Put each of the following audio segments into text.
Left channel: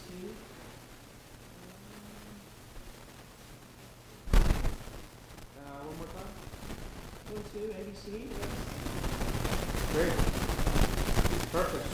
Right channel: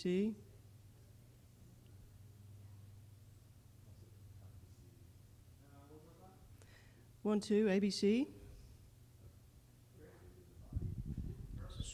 ABC. One more time. 1, 2, ABC. Great. Perfect.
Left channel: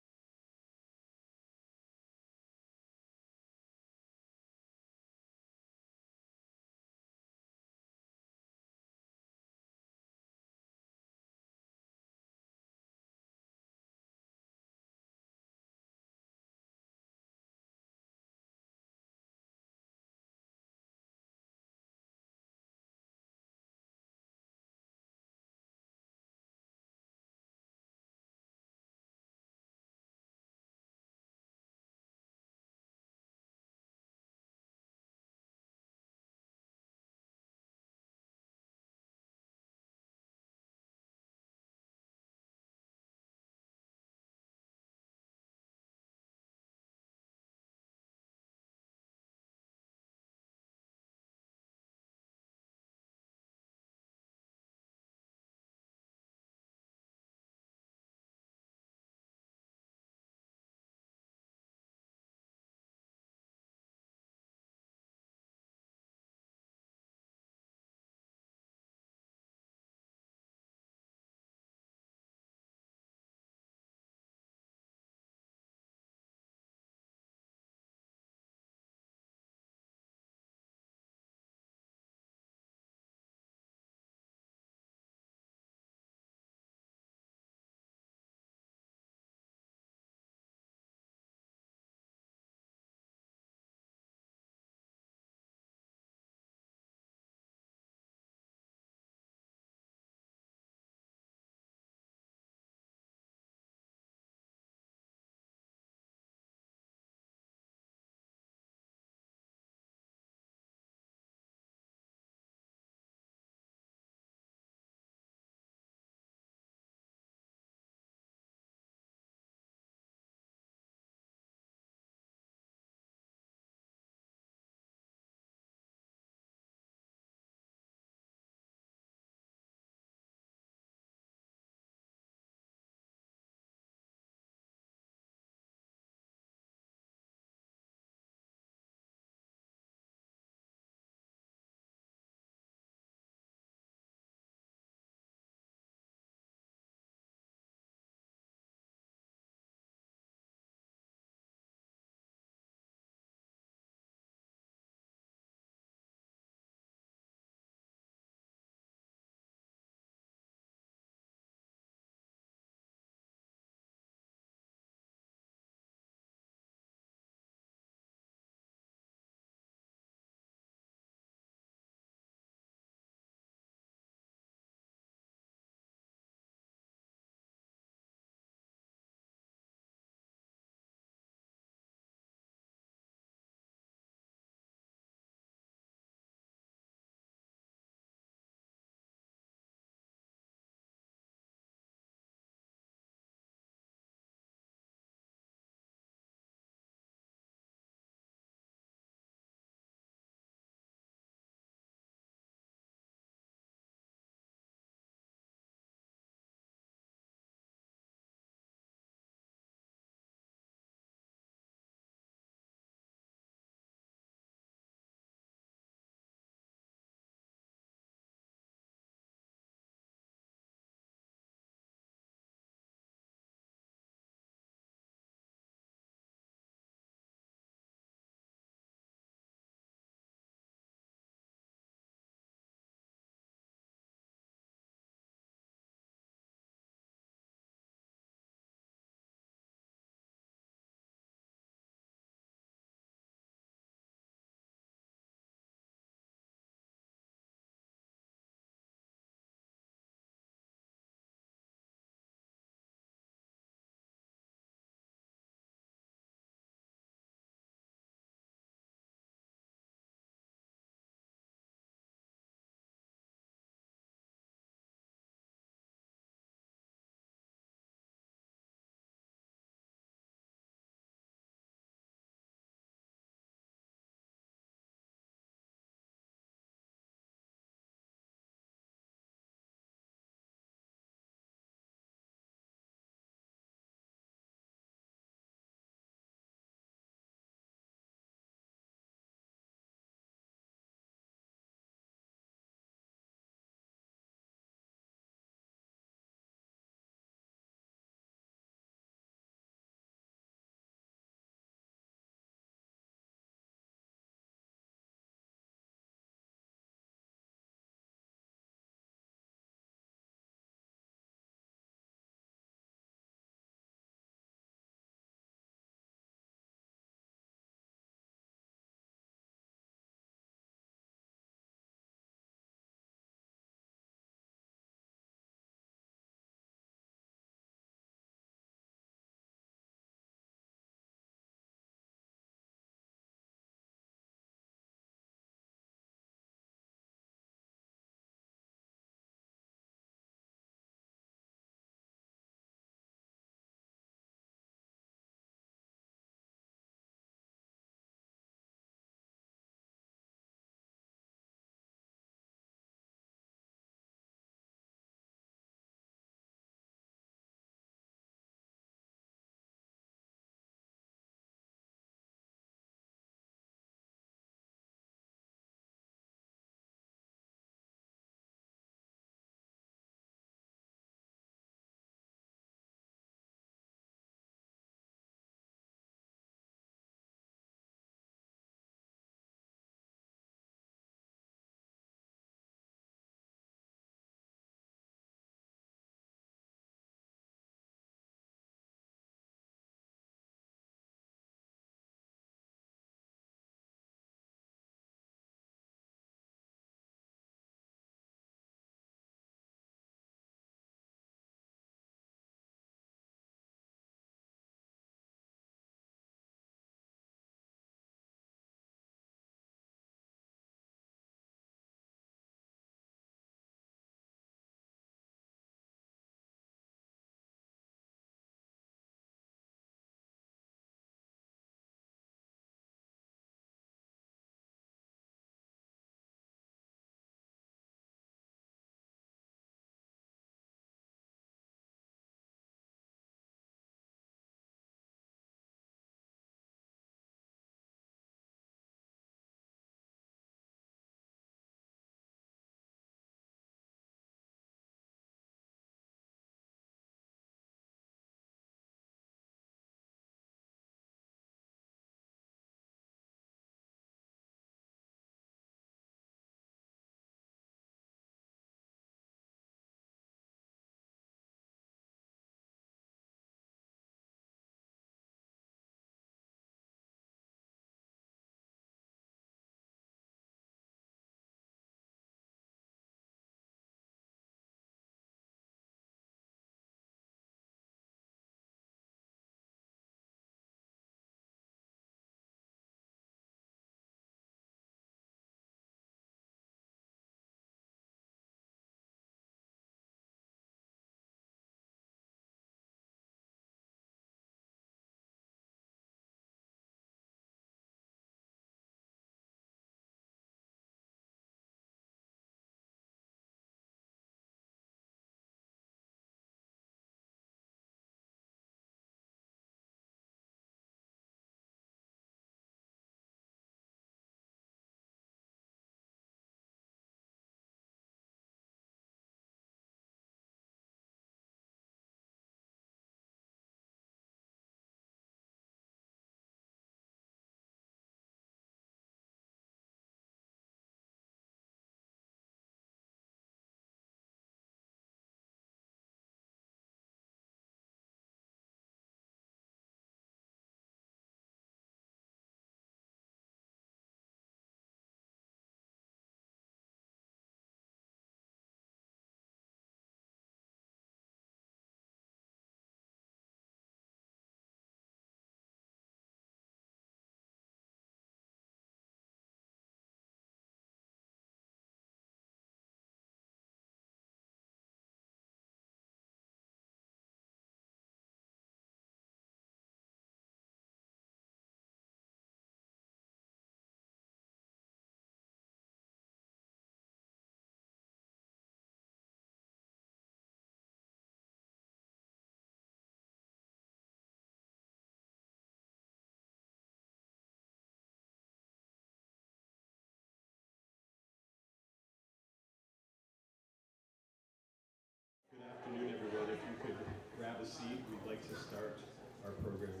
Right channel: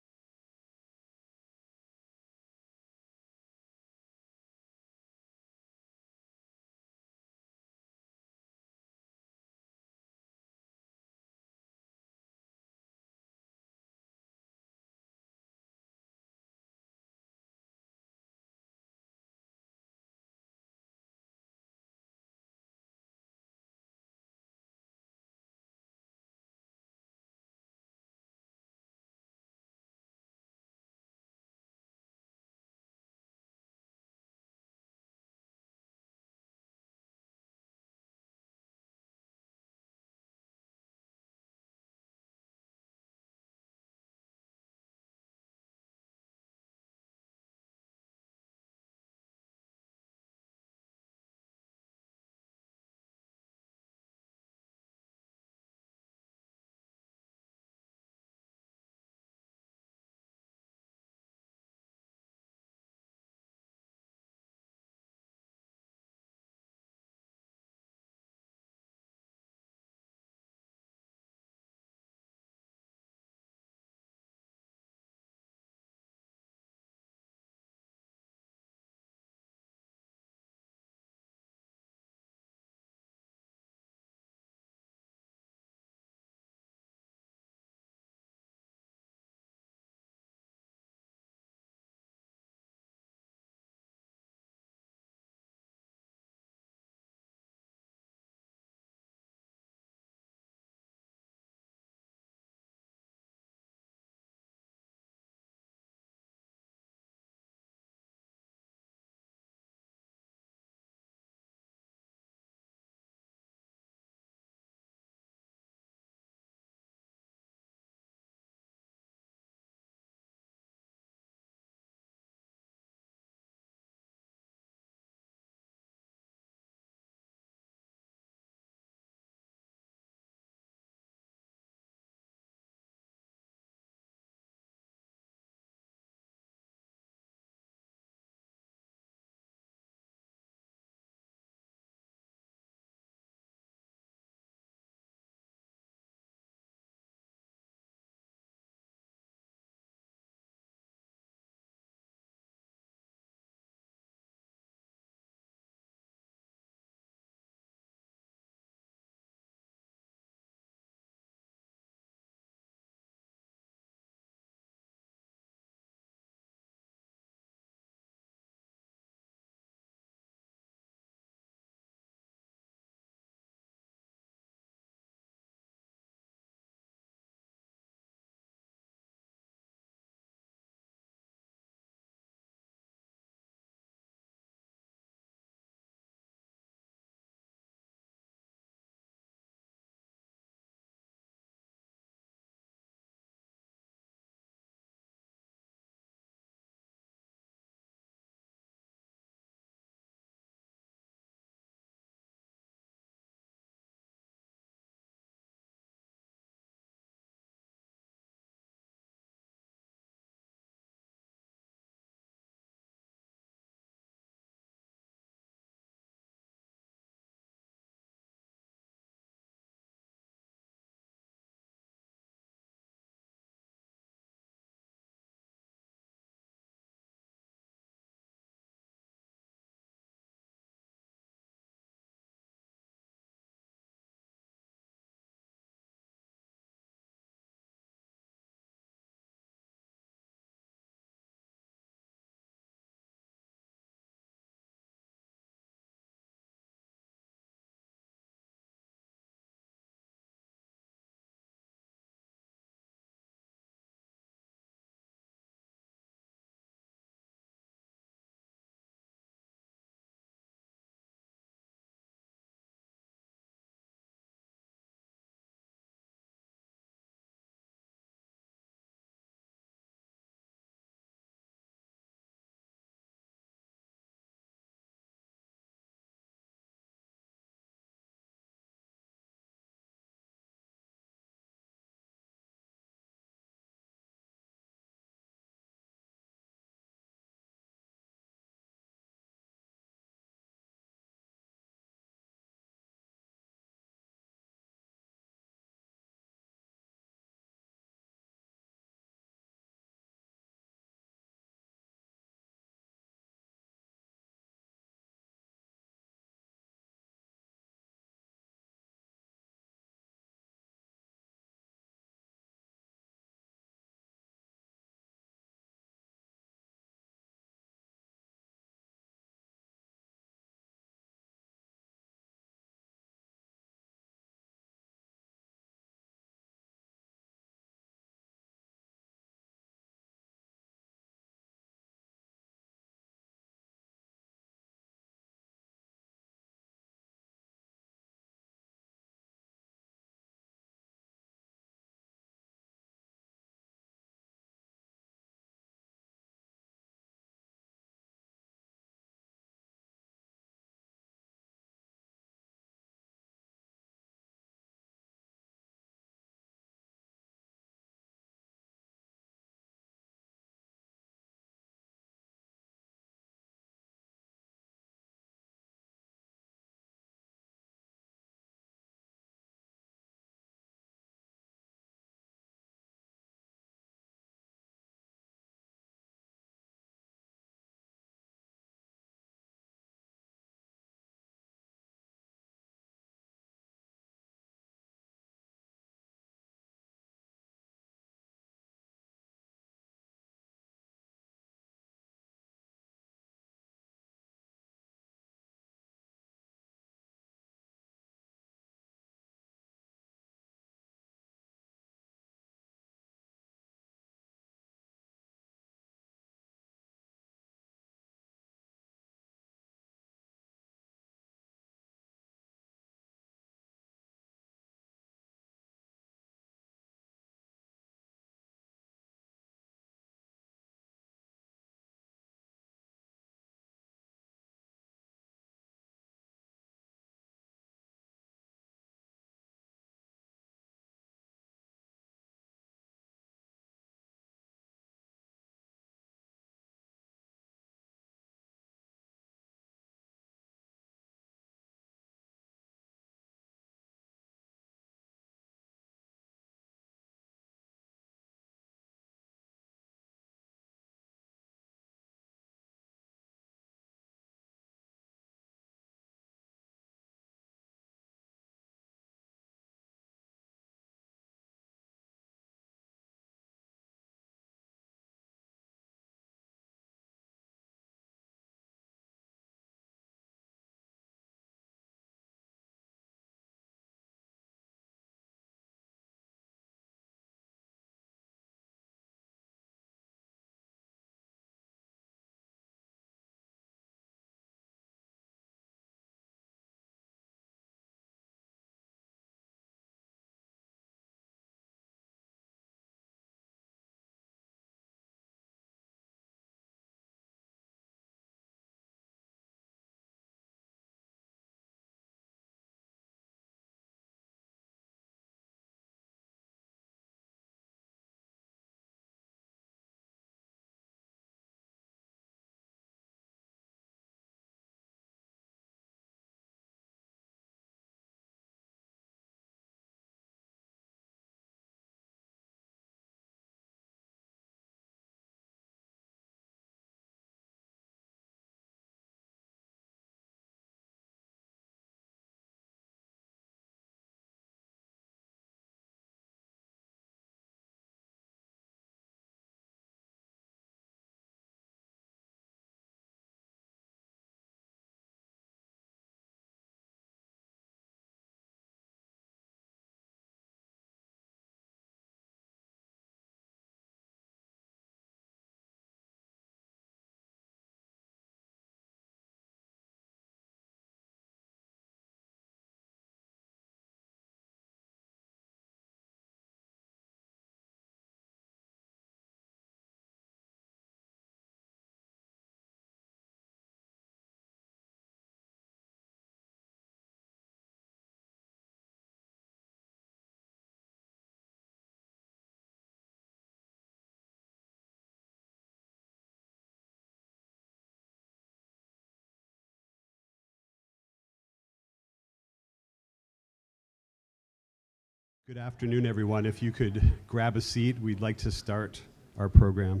Good afternoon, everyone. If you could grab a seat, we'd like to start our program.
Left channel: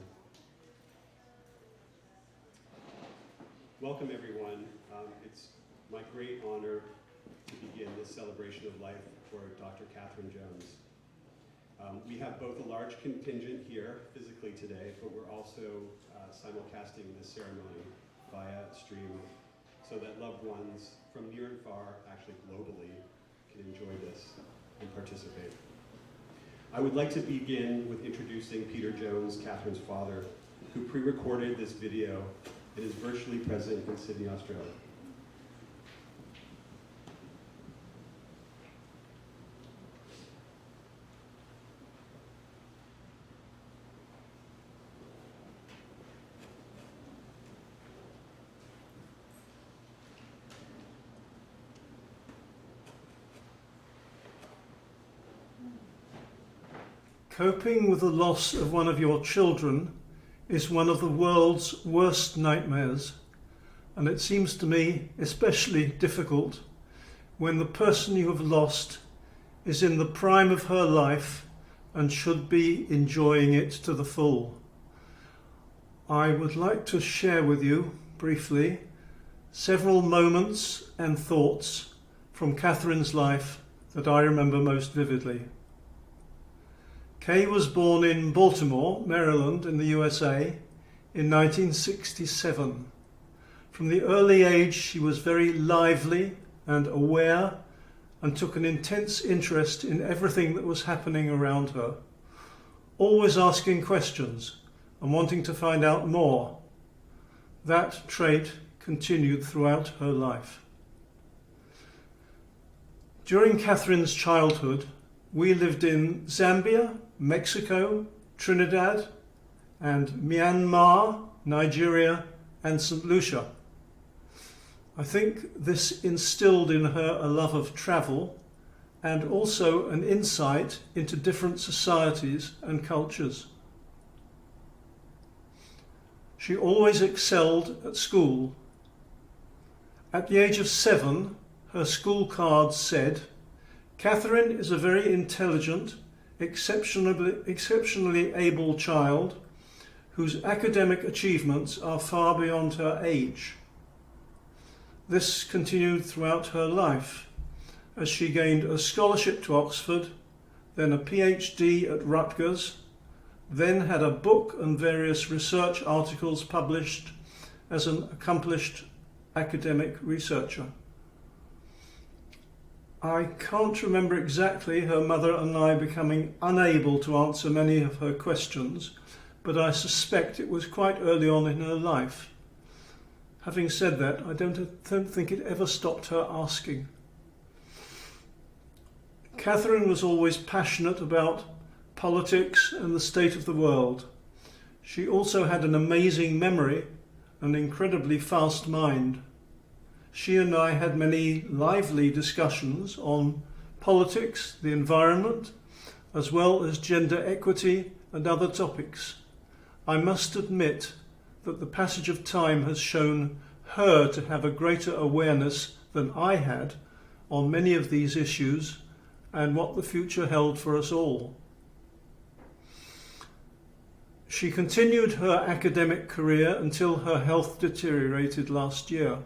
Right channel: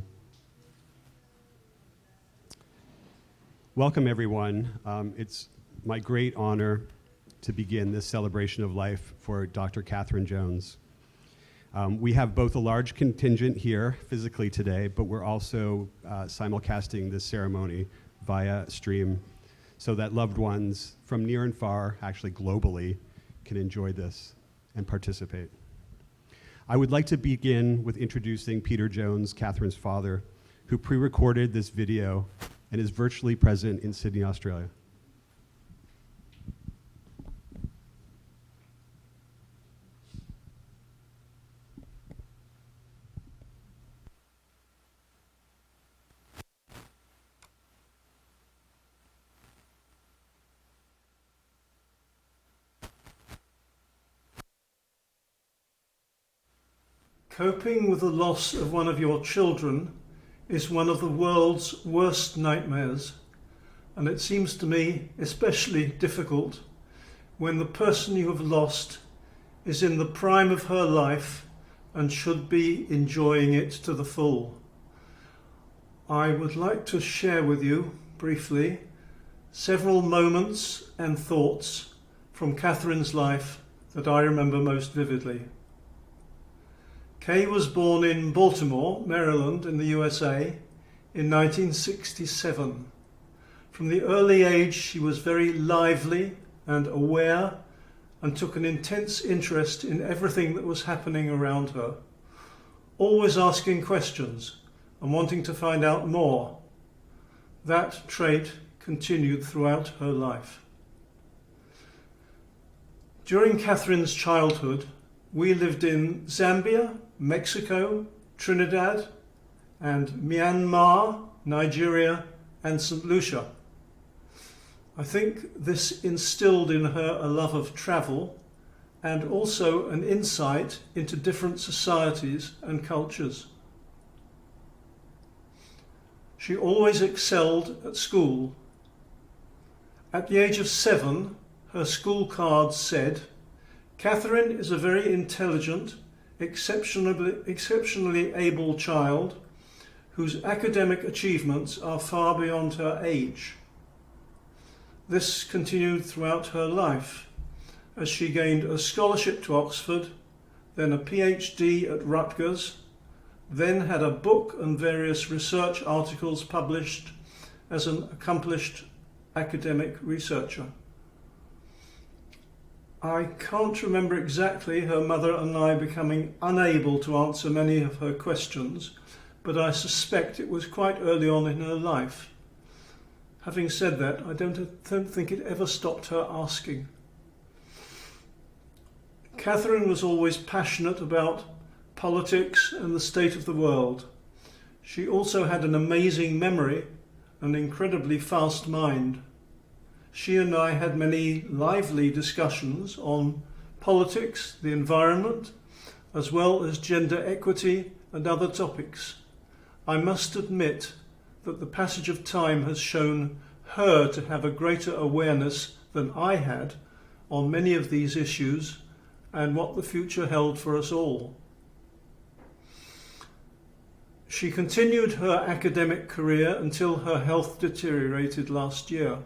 Welcome, everyone. It's my great honor to begin this celebration of life for Dr. Katherine Jones. We have both a large contingent here physically today, but we're also simulcasting this ceremony via stream so that loved ones from near and far, actually globally, can enjoy this and participate. I would like to begin with introducing Peter Jones, Katherine's father, who pre-recorded this video and is virtually present in Sydney, Australia. Coping with the loss of one of your children is one of the world's worst nightmares, and it seems to me especially difficult when the person you have lost is in the prime of her life and should be enjoying it to the full. I would like to share with you briefly several moments and thoughts from Katherine's life that I remember most vividly. Kay was born in Baltimore, Maryland, in the USA in 1967. From the early age, she was very lively and aware and took an intense interest in everything that was happening around her, always asking questions and wanting to find out more. That trait continued throughout her life. During Katherine's childhood, we lived in Zambia, Mexico, Trinidad, and Myanmar, Nigeria, and St. Lucia. I think this instilled in her a love of travel and also an insight into different societies and cultures. She always excelled at school. At the age of 7, her school card said, "Katherine is a very intelligent, exceptionally able child whose academic achievements are far beyond her age." This continued throughout her life as she gained a scholarship to Oxford, then a PhD at Rutgers, then had a book and various research articles published as an accomplished academic researcher. I can't remember exactly her mother and I becoming unable to answer many of her questions, but I suspect it was quite early on in her life. Having said that, I don't think it ever stopped her asking. Katherine was always passionate about politics and the state of the world. She also had an amazing memory and incredibly fast mind. She and I had many lively discussions on politics, the environment, as well as gender equity and other topics. I must admit that the passage of time has shown her to have a greater awareness than I had on many of these issues and what the future held for us all. She continued her academic career until her health deteriorated last year.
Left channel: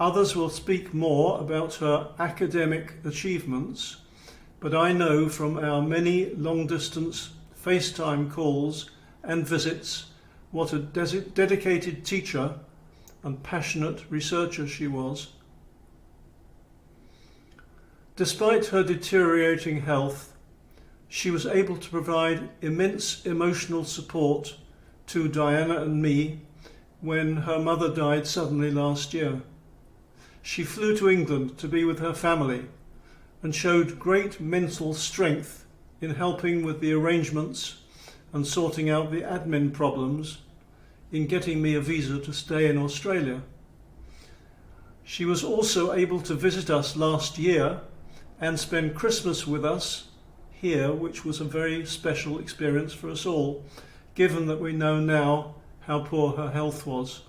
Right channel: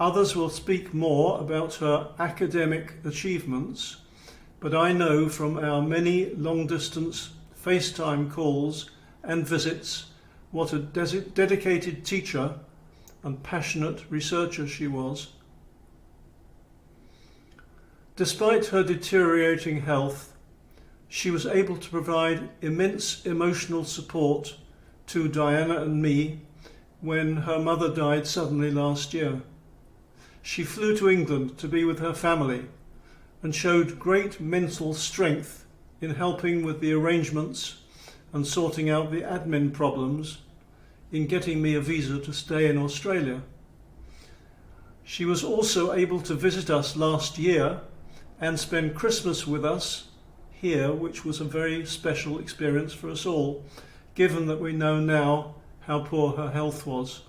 Others will speak more about her academic achievements, but I know from our many long-distance FaceTime calls and visits what a dedicated teacher and passionate researcher she was. Despite her deteriorating health, she was able to provide immense emotional support to Diana and me when her mother died suddenly last year. She flew to England to be with her family and showed great mental strength in helping with the arrangements and sorting out the admin problems in getting me a visa to stay in Australia. She was also able to visit us last year and spend Christmas with us here, which was a very special experience for us all, given that we know now how poor her health was.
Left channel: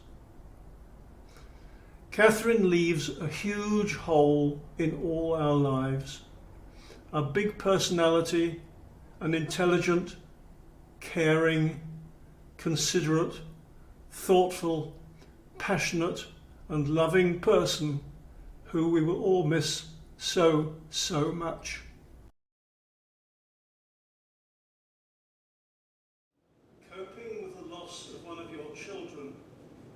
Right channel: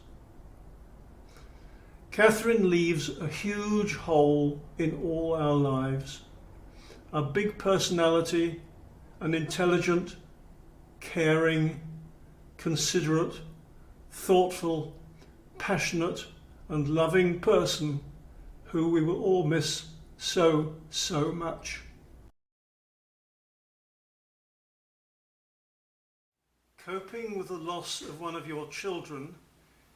Katherine leaves a huge hole in all our lives. a big personality, an intelligent, caring, considerate, thoughtful, passionate and loving person who we will all miss so, so much. Coping with the loss of one of your children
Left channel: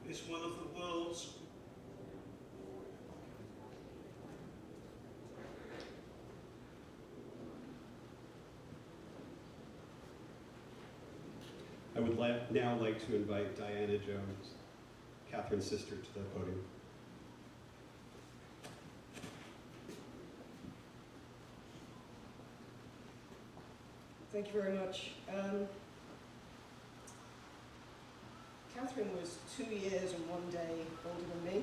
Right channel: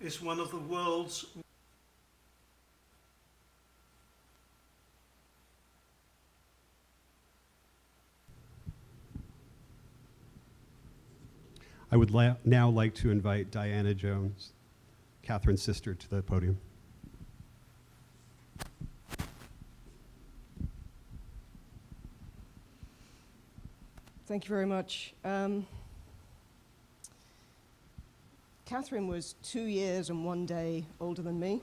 is one of the world's I would now like to invite Diana Jones, Katherine's sister, to the podium. Thank you very much. Katherine was 2 years and 1 day older than me,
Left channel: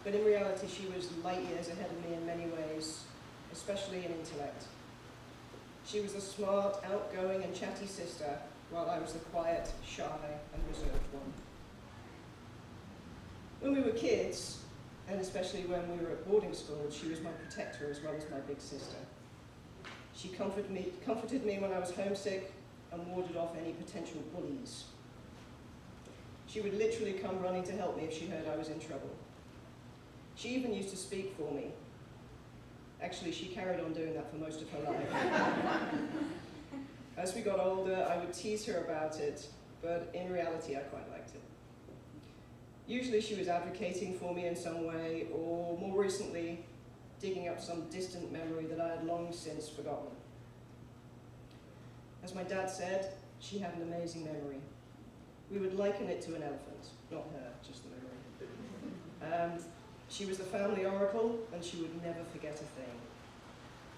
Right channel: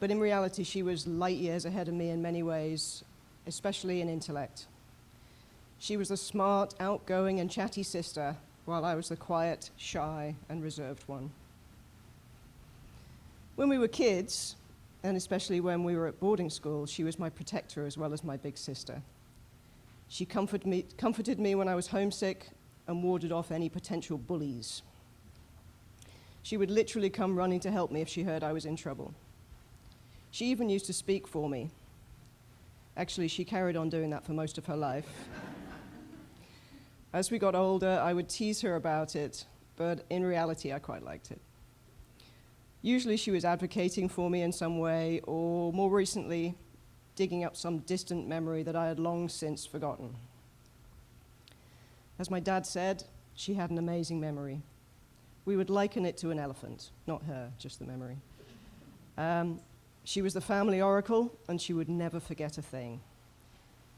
but in reality she was light years ahead of me in many ways, especially in intellect. She was the smart, outgoing and chatty sister, while I was the quiet, shy and reserved one. When we were kids, and especially when we were at boarding school, she was my protector as well as my big sister. She comforted me when I was homesick and warded off any potential bullies. She would literally come running to help me if she heard I was in trouble. She even used to speak for me. Actually, she carried on doing that for most of her life. As we got older, I would tease her about it, but in reality, I quite liked it. Usually she was advocating for me in some way, or more recently, digging up some distant memory that I had long since forgotten. As my dad said, she had an amazing memory. We would liken it to an elephant, not her, just the memory. She was the family oracle, and she would never forget a thing.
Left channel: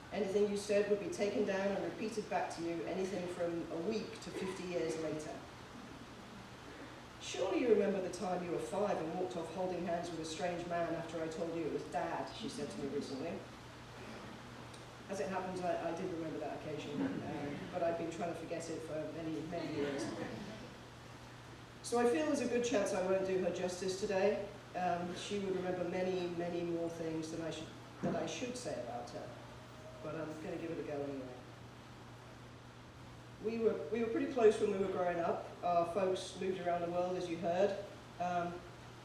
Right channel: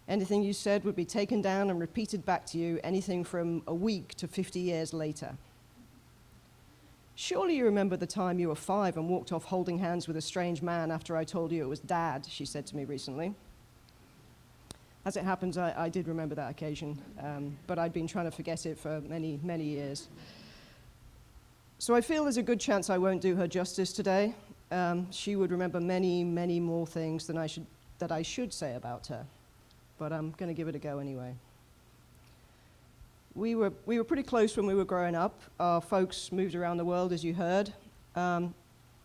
Anything you said would be taken down and repeated back to you, anything from a week to 50 years later. Surely you remember the time you were 5 and walked off holding hands with a strange man after I told you it was Dad, she said to me recently. As it happens, I did remember that occasion, but I'd been trying to forget it for many, many years. So I feel there's a good chance I won't do her justice today. She would remember many, many more things than I should say about her, but I'm going to give it a go anyway. We were pretty close when we were growing up. Our folks moved around the world, as you heard,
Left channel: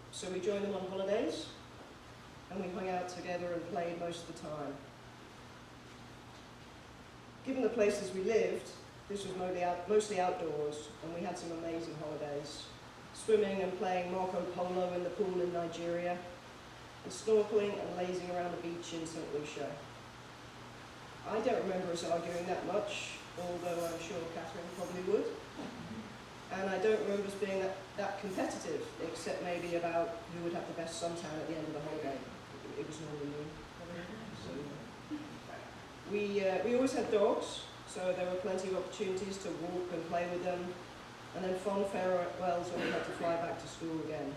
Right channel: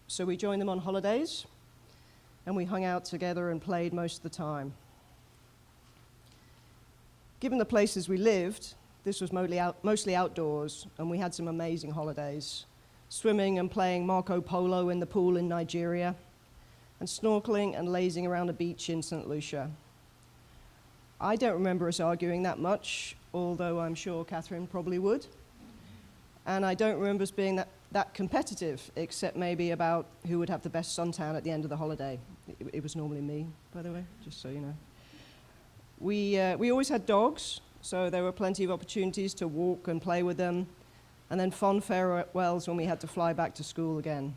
so we joined them on holidays, and we hung out together and played most of the time. Given the places we lived, this was mostly outdoors, and we had some amazing holidays. Swimming and playing Marco Polo in the pool in Nigeria, and snorkeling and lazing around the beach in St. Lucia. I don't remember us arguing that much, although I'm sure Katherine probably would. And I don't remember us being that competitive, except maybe about who would have the best suntan at the end of the holiday. It was normally me, by the way, just so you know. We always had dogs, so there were plenty of opportunities to walk and play with them, and then fond farewells when we had to fly back to school again.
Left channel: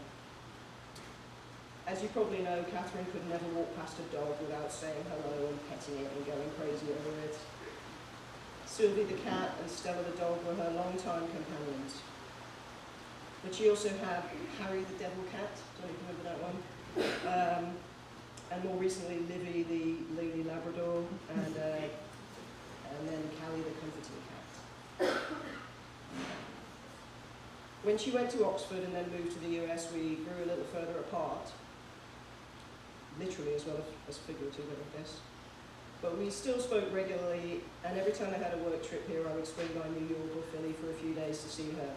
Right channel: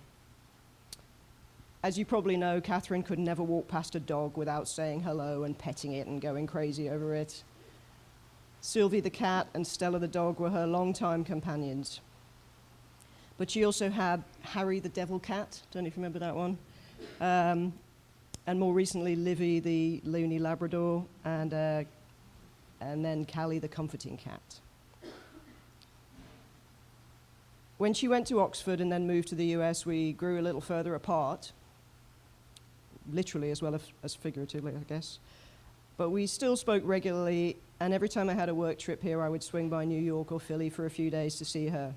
As you probably know, Katherine could never walk past a dog without saying hello and petting it and going crazy over it. Sylvie the cat and Stella the dog were her longtime companions. But she also had Harry the devil cat, don't know if you remember that one, and more recently Livy the loony Labrador, and then Callie the comforting cat. When she went to Oxford and then moved to the US, we grew a little further apart, literally as well as figuratively, I guess. But we still spoke regularly, and every time I had a work trip here, I would swing by New York or Philly for a few days to see her.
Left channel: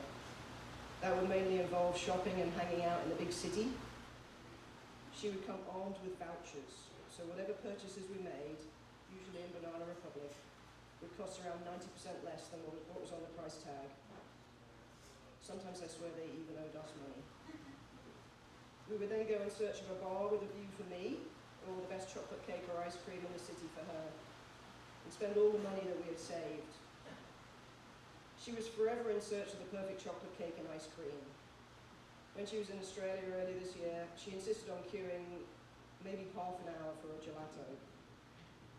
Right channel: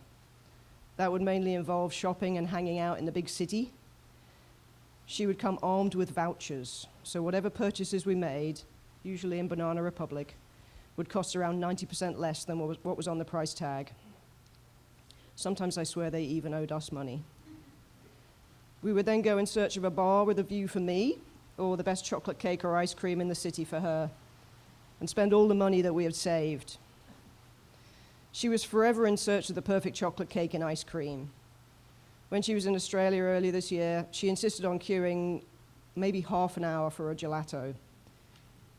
That would mainly involve shopping and hanging out in the big city. She would come armed with vouchers, so whatever purchases we made, usually in Banana Republic, would cost around 90% less than what was on the price tag. Sometimes I swear they even owed us money. We would then go in search of a bar with a view for me, or the best chocolate cake or ice cream in the city for her, and spend all the money that we had saved. She was forever in search of the perfect chocolate cake and ice cream. When she was in Australia earlier this year, she insisted on queuing maybe half an hour for a gelato,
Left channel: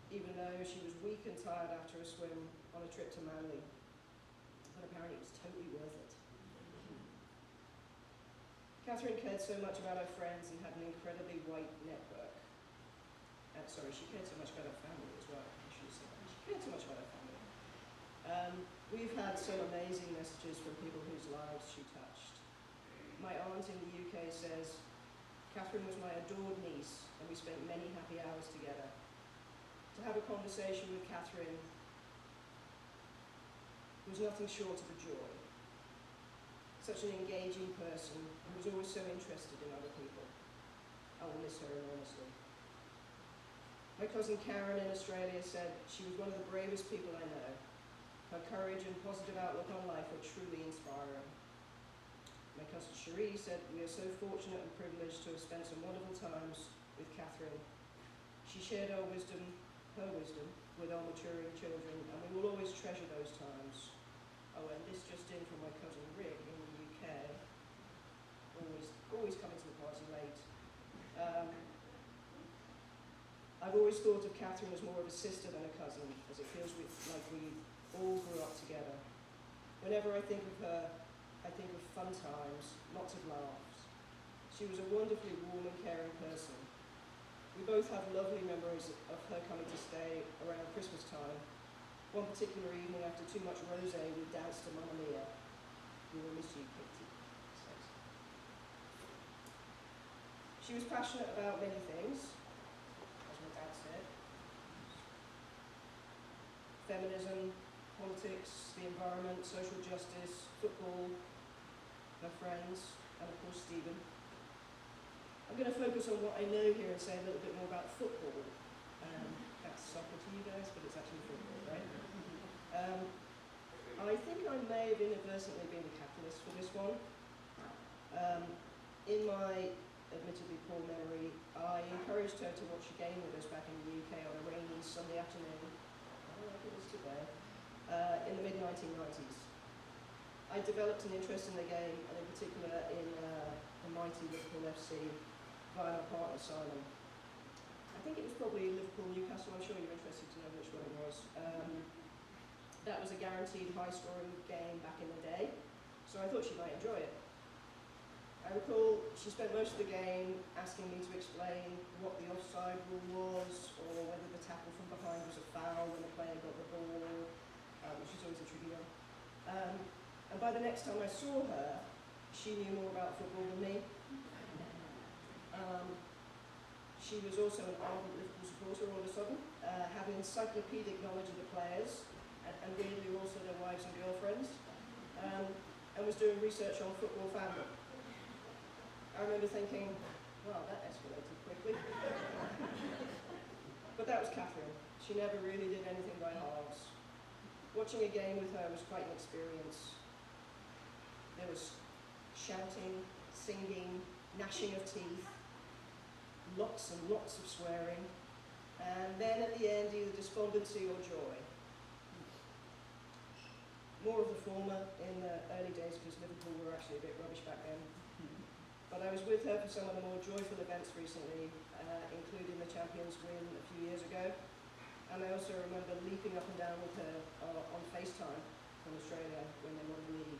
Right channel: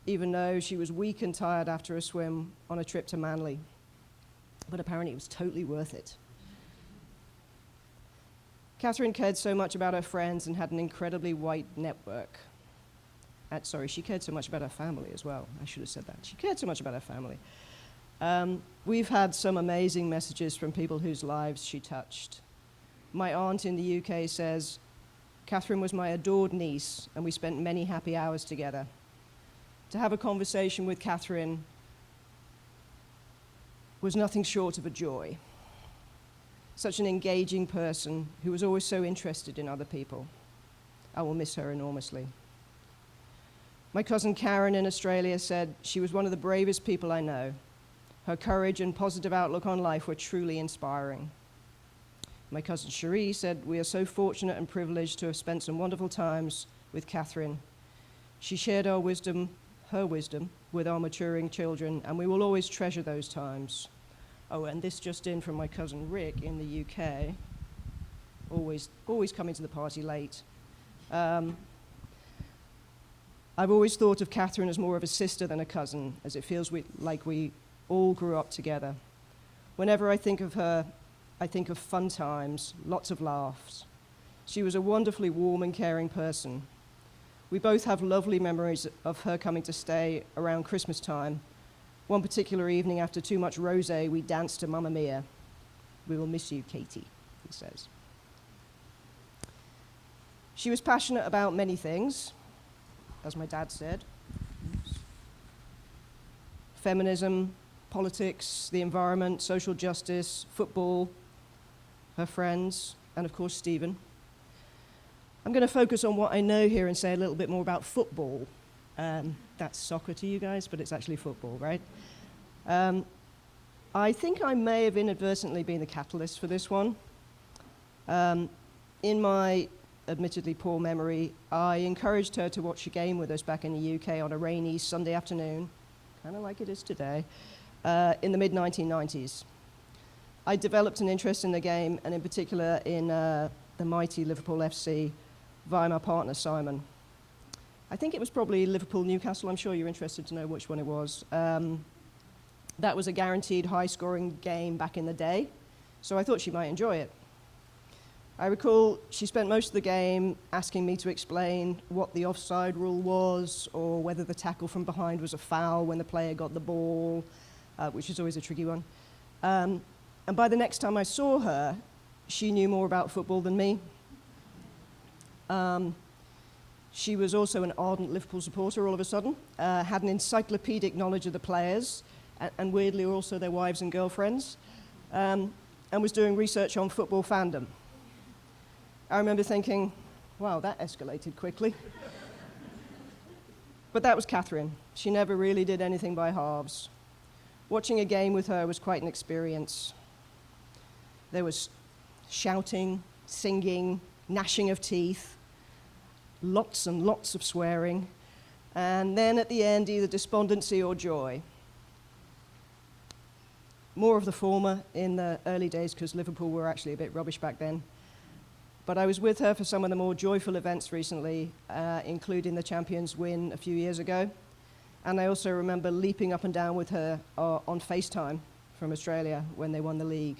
even though she was weak and tired after a swim on a trip to Manly. But apparently it was totally worth it. Katherine cared so much about her friends and had an incredibly wide network. Sorry, she cared so much about her family as well. I should have said that. She cared so much about her family. We've had some amazing messages from people whose lives she touched. My aunt in the UK says, Katherine was my adored niece, and we spent many happy hours together. To have a conversation with Katherine was nothing short of a joy. Such an engaging person who was always so interested in other people. I will miss her enormously. My cousin Karen in Australia said she was one of the bravest people I know. Her courage and positive outlook on life were truly inspiring. My cousin Cherie said, we are so fortunate and privileged to have spent some wonderful times with Katherine. She shared her wisdom, with our maturing children, and we will always treasure those times. Oh, and this just in from my cousin Rick in the UK, always coming to the party late. I've always thought of Katherine as more of a sister than a cousin, as it feels like we all grew up together. Whenever I think of her, I think of fun times, lots of laughs. She was a wonderfully warm and caring person. We both have lovely memories of her coming to stay around Christmas time. One particular evening after too much rosé, we danced to Mamma Mia. We will miss you, Katie, he says. She was passionate about many things, as my dad said. Feminism, politics, the environment, social justice, football, her friends, and of course Stephen. I'm going to focus on what I know here and say a little bit more about football. That's soccer to you guys, but it's actually football, right? I think I may have inadvertently been the catalyst for this one. In my admittedly poor memory, I encouraged her to watch a game with us back in the UK on a rainy Sunday afternoon, kind of like it is today, in the mid-1990s. I developed an interest in the game, and in particular in the mighty Liverpool FC, via my partner Simon. I think it was probably Liverpool-Newcastle. I'm sure you're interested to know which one it was. That was a guaranteed high-scoring game back in the day, so I thought she might enjoy it. I recall she spent most of the game asking me to explain what the offside rule was, or whether the tackle from behind was a foul when the player got the ball, which is always a tricky one. And by the next time I saw her, she knew more about football than me. She was also an ardent Liverpool supporter all of a sudden, had an encyclopedic knowledge of the players, and weirdly also their wives and girlfriends, and was doing research on football fandom. I remember thinking, wow, that escalated quickly. But that was Katherine. She never really did anything by halves. Watching a game with her was quite an experience. There was shouting, singing, gnashing of teeth, lots and lots of swearing, and then at the end, either despondency or joy. More of the former in the early days, because Liverpool were actually a bit rubbish back then. But I was with her for some of the more joyful events recently, including the Champions win a few years ago. And I also remember leaping up and down with her on FaceTime from Australia when they won the league.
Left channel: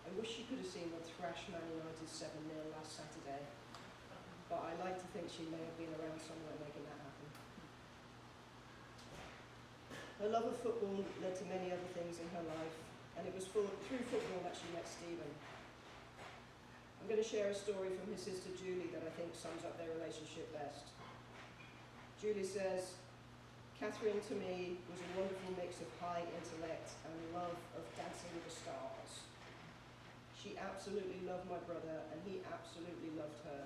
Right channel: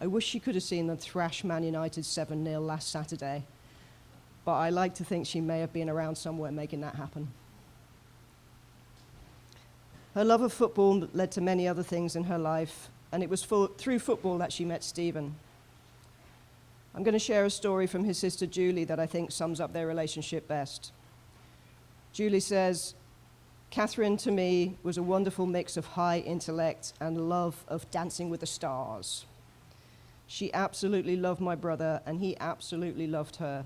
I wish she could have seen them thrash Man United 7-0 last Saturday, but I like to think she may have been around somewhere making that happen. Her love of football led to many other things in her life, and it was through football that she met Stephen. I'm going to share a story from his sister Julie that I think sums up their relationship best. Julie says, Katherine to me was a wonderful mix of high intellect and love of Dancing with the Stars. She absolutely loved my brother, and he absolutely loved her.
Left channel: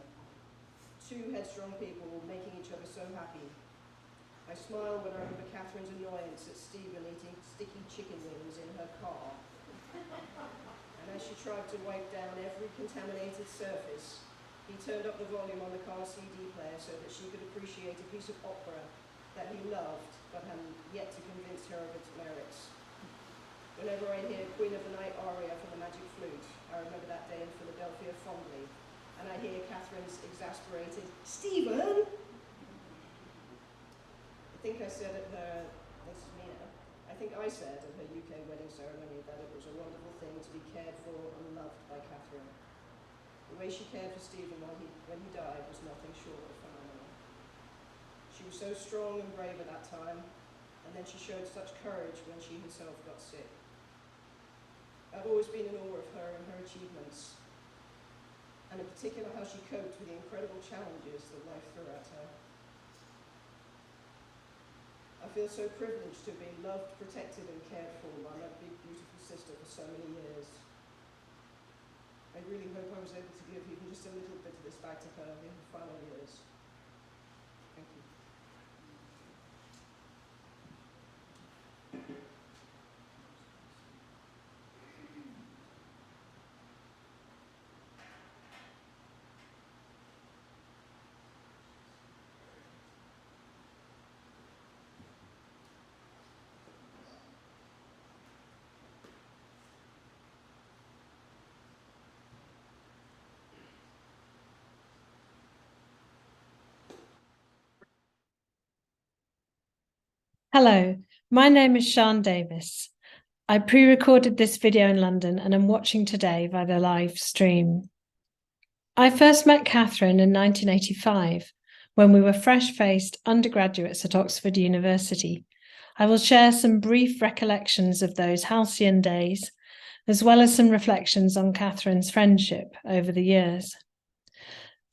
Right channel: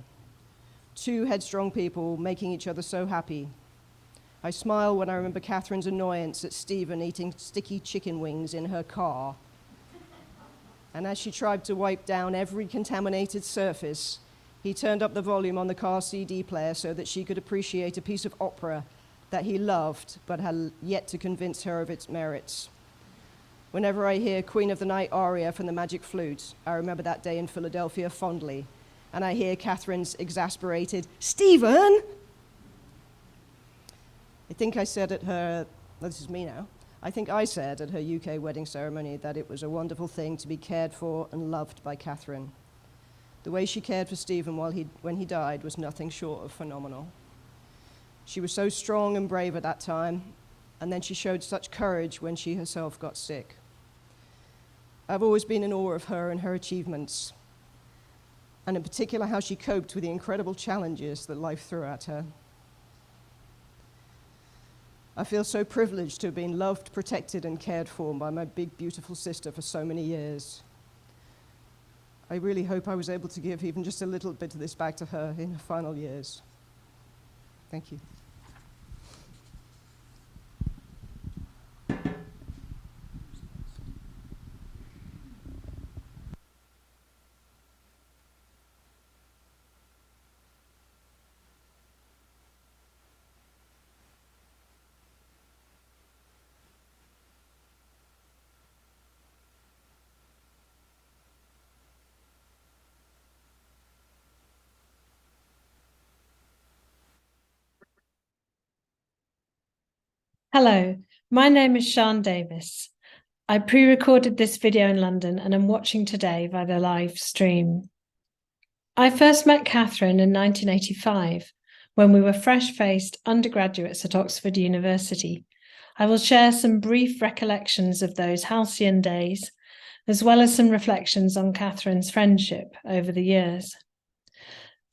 Two headstrong people making each other so happy. I smile when I remember Katherine's annoyance at Stephen eating sticky chicken wings in her car. And as she tried to wipe down every contaminated surface, he turned up the volume on the car CD player so that she could appreciate a piece of opera that he loved but had yet to convince her of its merits. Whenever I hear Queen of the Night aria from the Magic Flute, I remember that day in Philadelphia fondly, and I hear Katherine's exasperated, Stephen! I think I said at her, this is me now, I think I said at her UK wedding ceremony that it was a wonderful thing to be cared for and loved by Katherine. The way she cared for Stephen when he died was nothing short of phenomenal. She was so strong and brave at that time, and then she showed such courage when she herself got sick. I've always been in awe of her and her achievements, and in particular how she coped with the incredible challenges that life threw at her. I feel so privileged to have been loved, protected, and cared for by my big, beautiful sister for so many years. I really hope I was able to give even just a little bit of this back to her in her final years. Thank you. Hello, my name is Sian Davis. I pre-recorded this video in London and am watching today via the live stream. I first met Katherine in 1985 when we were fresh-faced undergraduates at Oxford University. I will share some brief recollections of those halcyon days, as well as some reflections on Katherine's friendship over the years.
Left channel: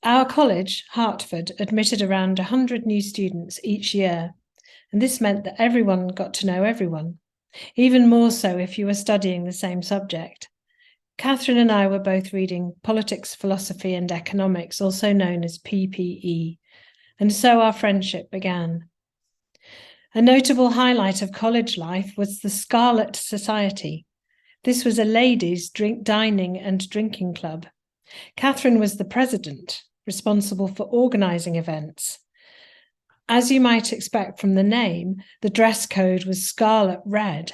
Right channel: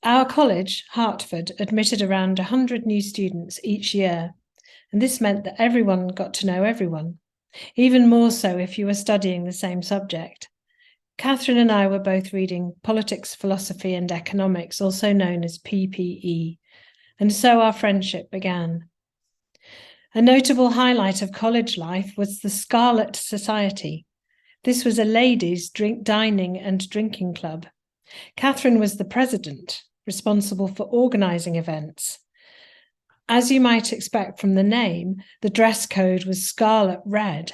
Our college, Hertford, admitted around 100 new students each year, and this meant that everyone got to know everyone, even more so if you were studying the same subject. Katherine and I were both reading Politics, Philosophy and Economics, also known as PPE, and so our friendship began. A notable highlight of college life was the Scarlet Society. This was a ladies' dining and drinking club. Katherine was the president, responsible for organising events. As you might expect from the name, the dress code was scarlet red.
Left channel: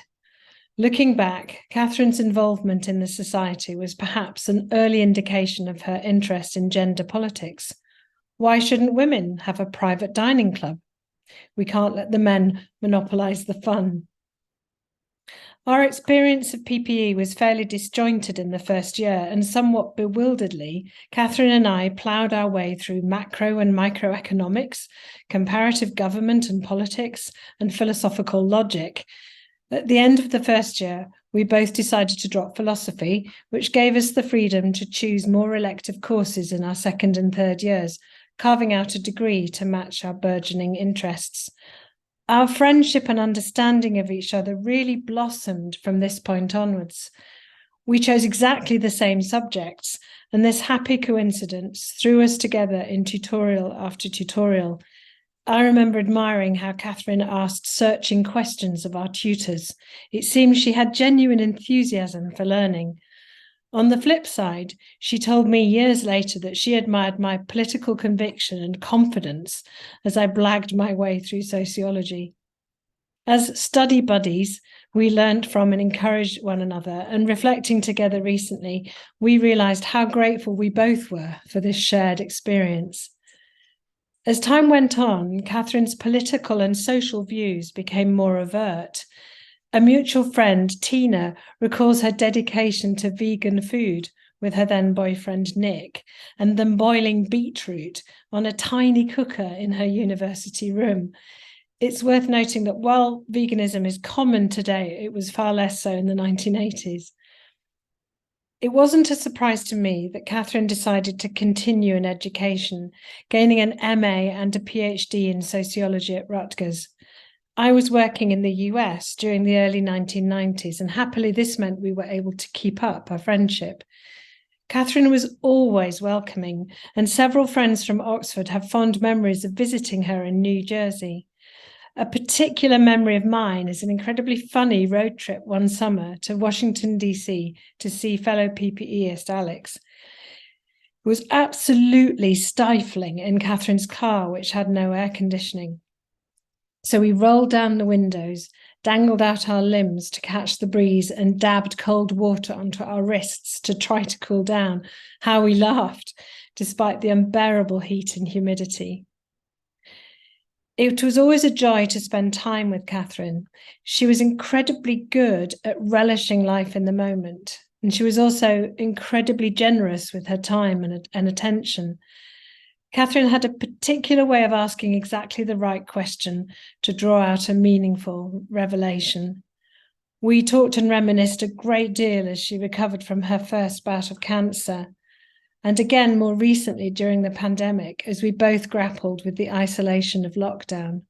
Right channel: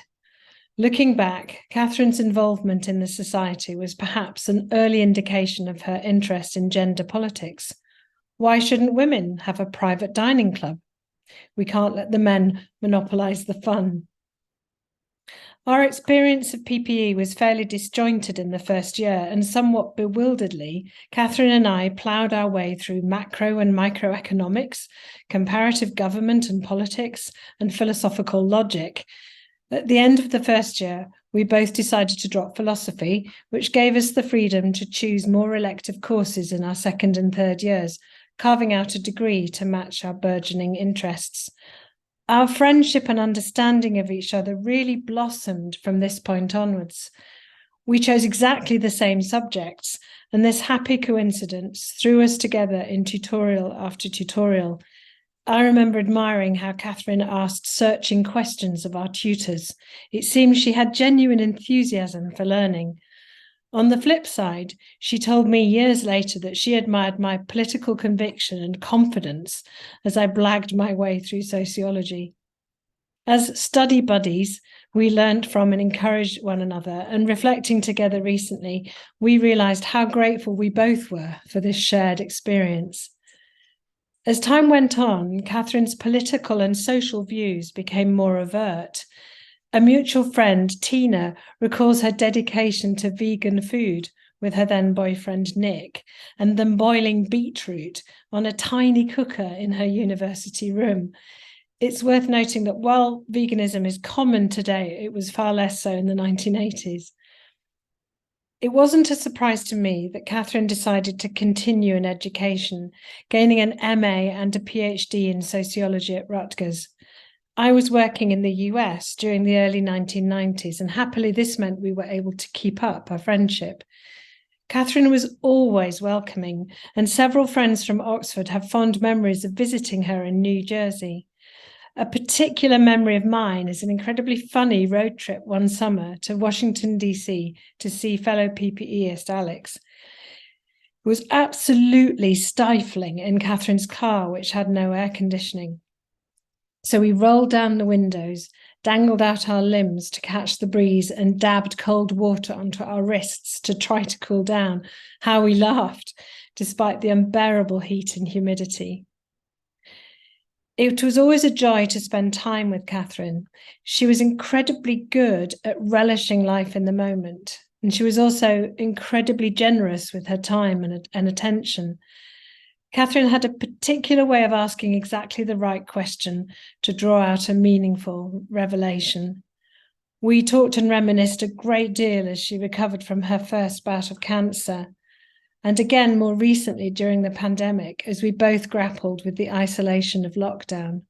Looking back, Katherine's involvement in the society was perhaps an early indication of her interest in gender politics. Why shouldn't women have a private dining club? We can't let the men monopolise the fun. Our experience of PPE was fairly disjointed in the first year, and somewhat bewilderedly, Katherine and I ploughed our way through macro and microeconomics, comparative government and politics, and philosophical logic. At the end of the first year, we both decided to drop philosophy, which gave us the freedom to choose more elective courses in our second and third years, carving out a degree to match our burgeoning interests. Our friendship and understanding of each other really blossomed from this point onwards. We chose exactly the same subjects, and this happy coincidence threw us together in tutorial after tutorial. I remember admiring how Katherine asked searching questions of our tutors. It seemed she had genuine enthusiasm for learning. On the flip side, she told me years later that she admired my political conviction and confidence as I blagged my way through sociology. As study buddies, we learned from and encouraged one another, and reflecting together recently, we realised how grateful we both were for this shared experience. As time went on, Katherine's political and social views became more overt. A mutual friend, Tina, recalls her dedication to vegan food with her then boyfriend, Nick, and them boiling beetroot on a tiny cooker in her university room. It's worth noting that while veganism is common today, it was far less so in the 1980s. It wasn't a surprise to me that Katherine decided to continue in education, gaining an MA and a PhD in sociology at Rutgers. I was working in the US during the early 1990s, and happily this meant we were able to keep up our friendship. Katherine was always welcoming, and several friends from Oxford have fond memories of visiting her in New Jersey. A particular memory of mine is an incredibly funny road trip one summer to Washington, D.C. to see fellow PPEist Alex. It was absolutely stifling in Katherine's car, which had no air conditioning. So we rolled down the windows, dangled out our limbs to catch the breeze, and dabbed cold water onto our wrists to try to cool down. How we laughed, despite the unbearable heat and humidity. It was always a joy to spend time with Katherine. She was incredibly good at relishing life in the moment, and she was also incredibly generous with her time and attention. Katherine had a particular way of asking exactly the right question to draw out a meaningful revelation. We talked and reminisced a great deal as she recovered from her first bout of cancer, and again more recently during the pandemic as we both grappled with the isolation of lockdown.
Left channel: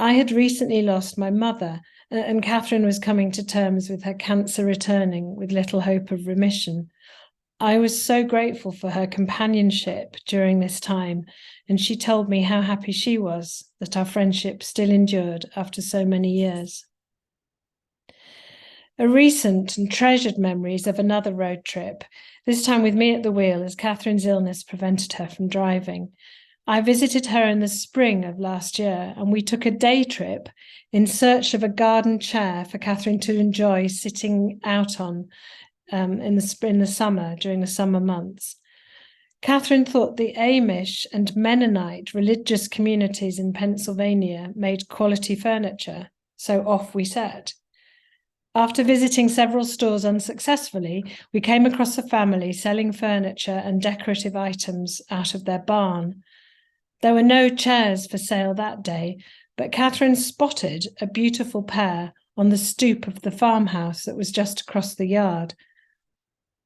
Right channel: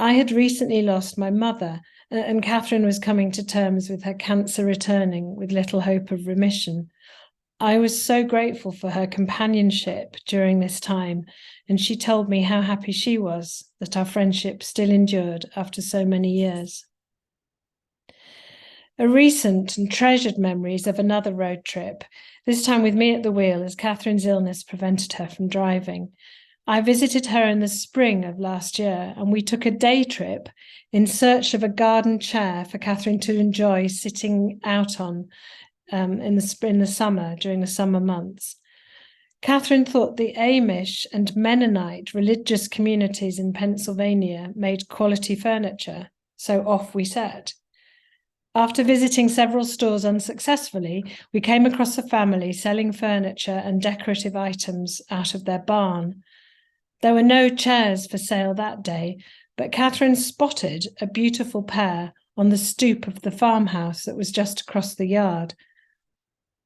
I had recently lost my mother, and Katherine was coming to terms with her cancer returning with little hope of remission. I was so grateful for her companionship during this time, and she told me how happy she was that our friendship still endured after so many years. A recent and treasured memory is of another road trip, this time with me at the wheel as Katherine's illness prevented her from driving. I visited her in the spring of last year, and we took a day trip in search of a garden chair for Katherine to enjoy sitting out on in the summer, during the summer months. Katherine thought the Amish and Mennonite religious communities in Pennsylvania made quality furniture, so off we set. After visiting several stores unsuccessfully, we came across a family selling furniture and decorative items out of their barn. There were no chairs for sale that day, but Katherine spotted a beautiful pair on the stoop of the farmhouse that was just across the yard.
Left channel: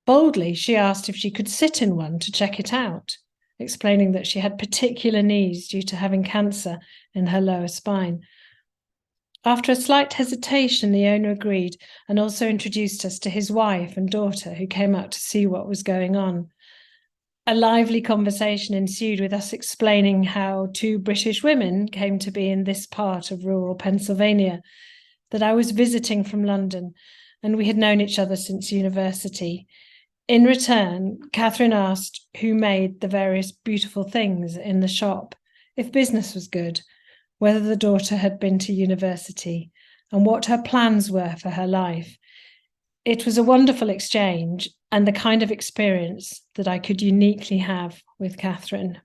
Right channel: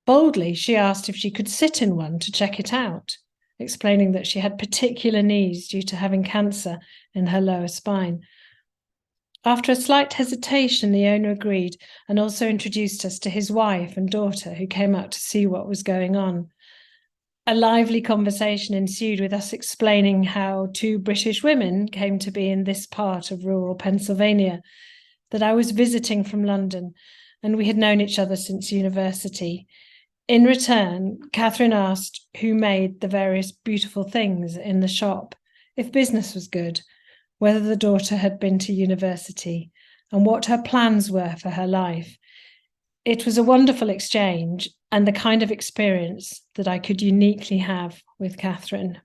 Boldly, she asked if she could sit in one to check it out, explaining that she had particular needs due to having cancer in her lower spine. After a slight hesitation, the owner agreed and also introduced us to his wife and daughter, who came out to see what was going on. A lively conversation ensued with us explaining how two British women came to be in this part of rural Pennsylvania, that I was visiting from London, and we had known each other since university. In return, Katherine asked who made the various beautiful things in the shop, if business was good, whether the daughter had been to university, and what her plans were for her life. It was a wonderful exchange and the kind of experience that I could uniquely have with Katherine.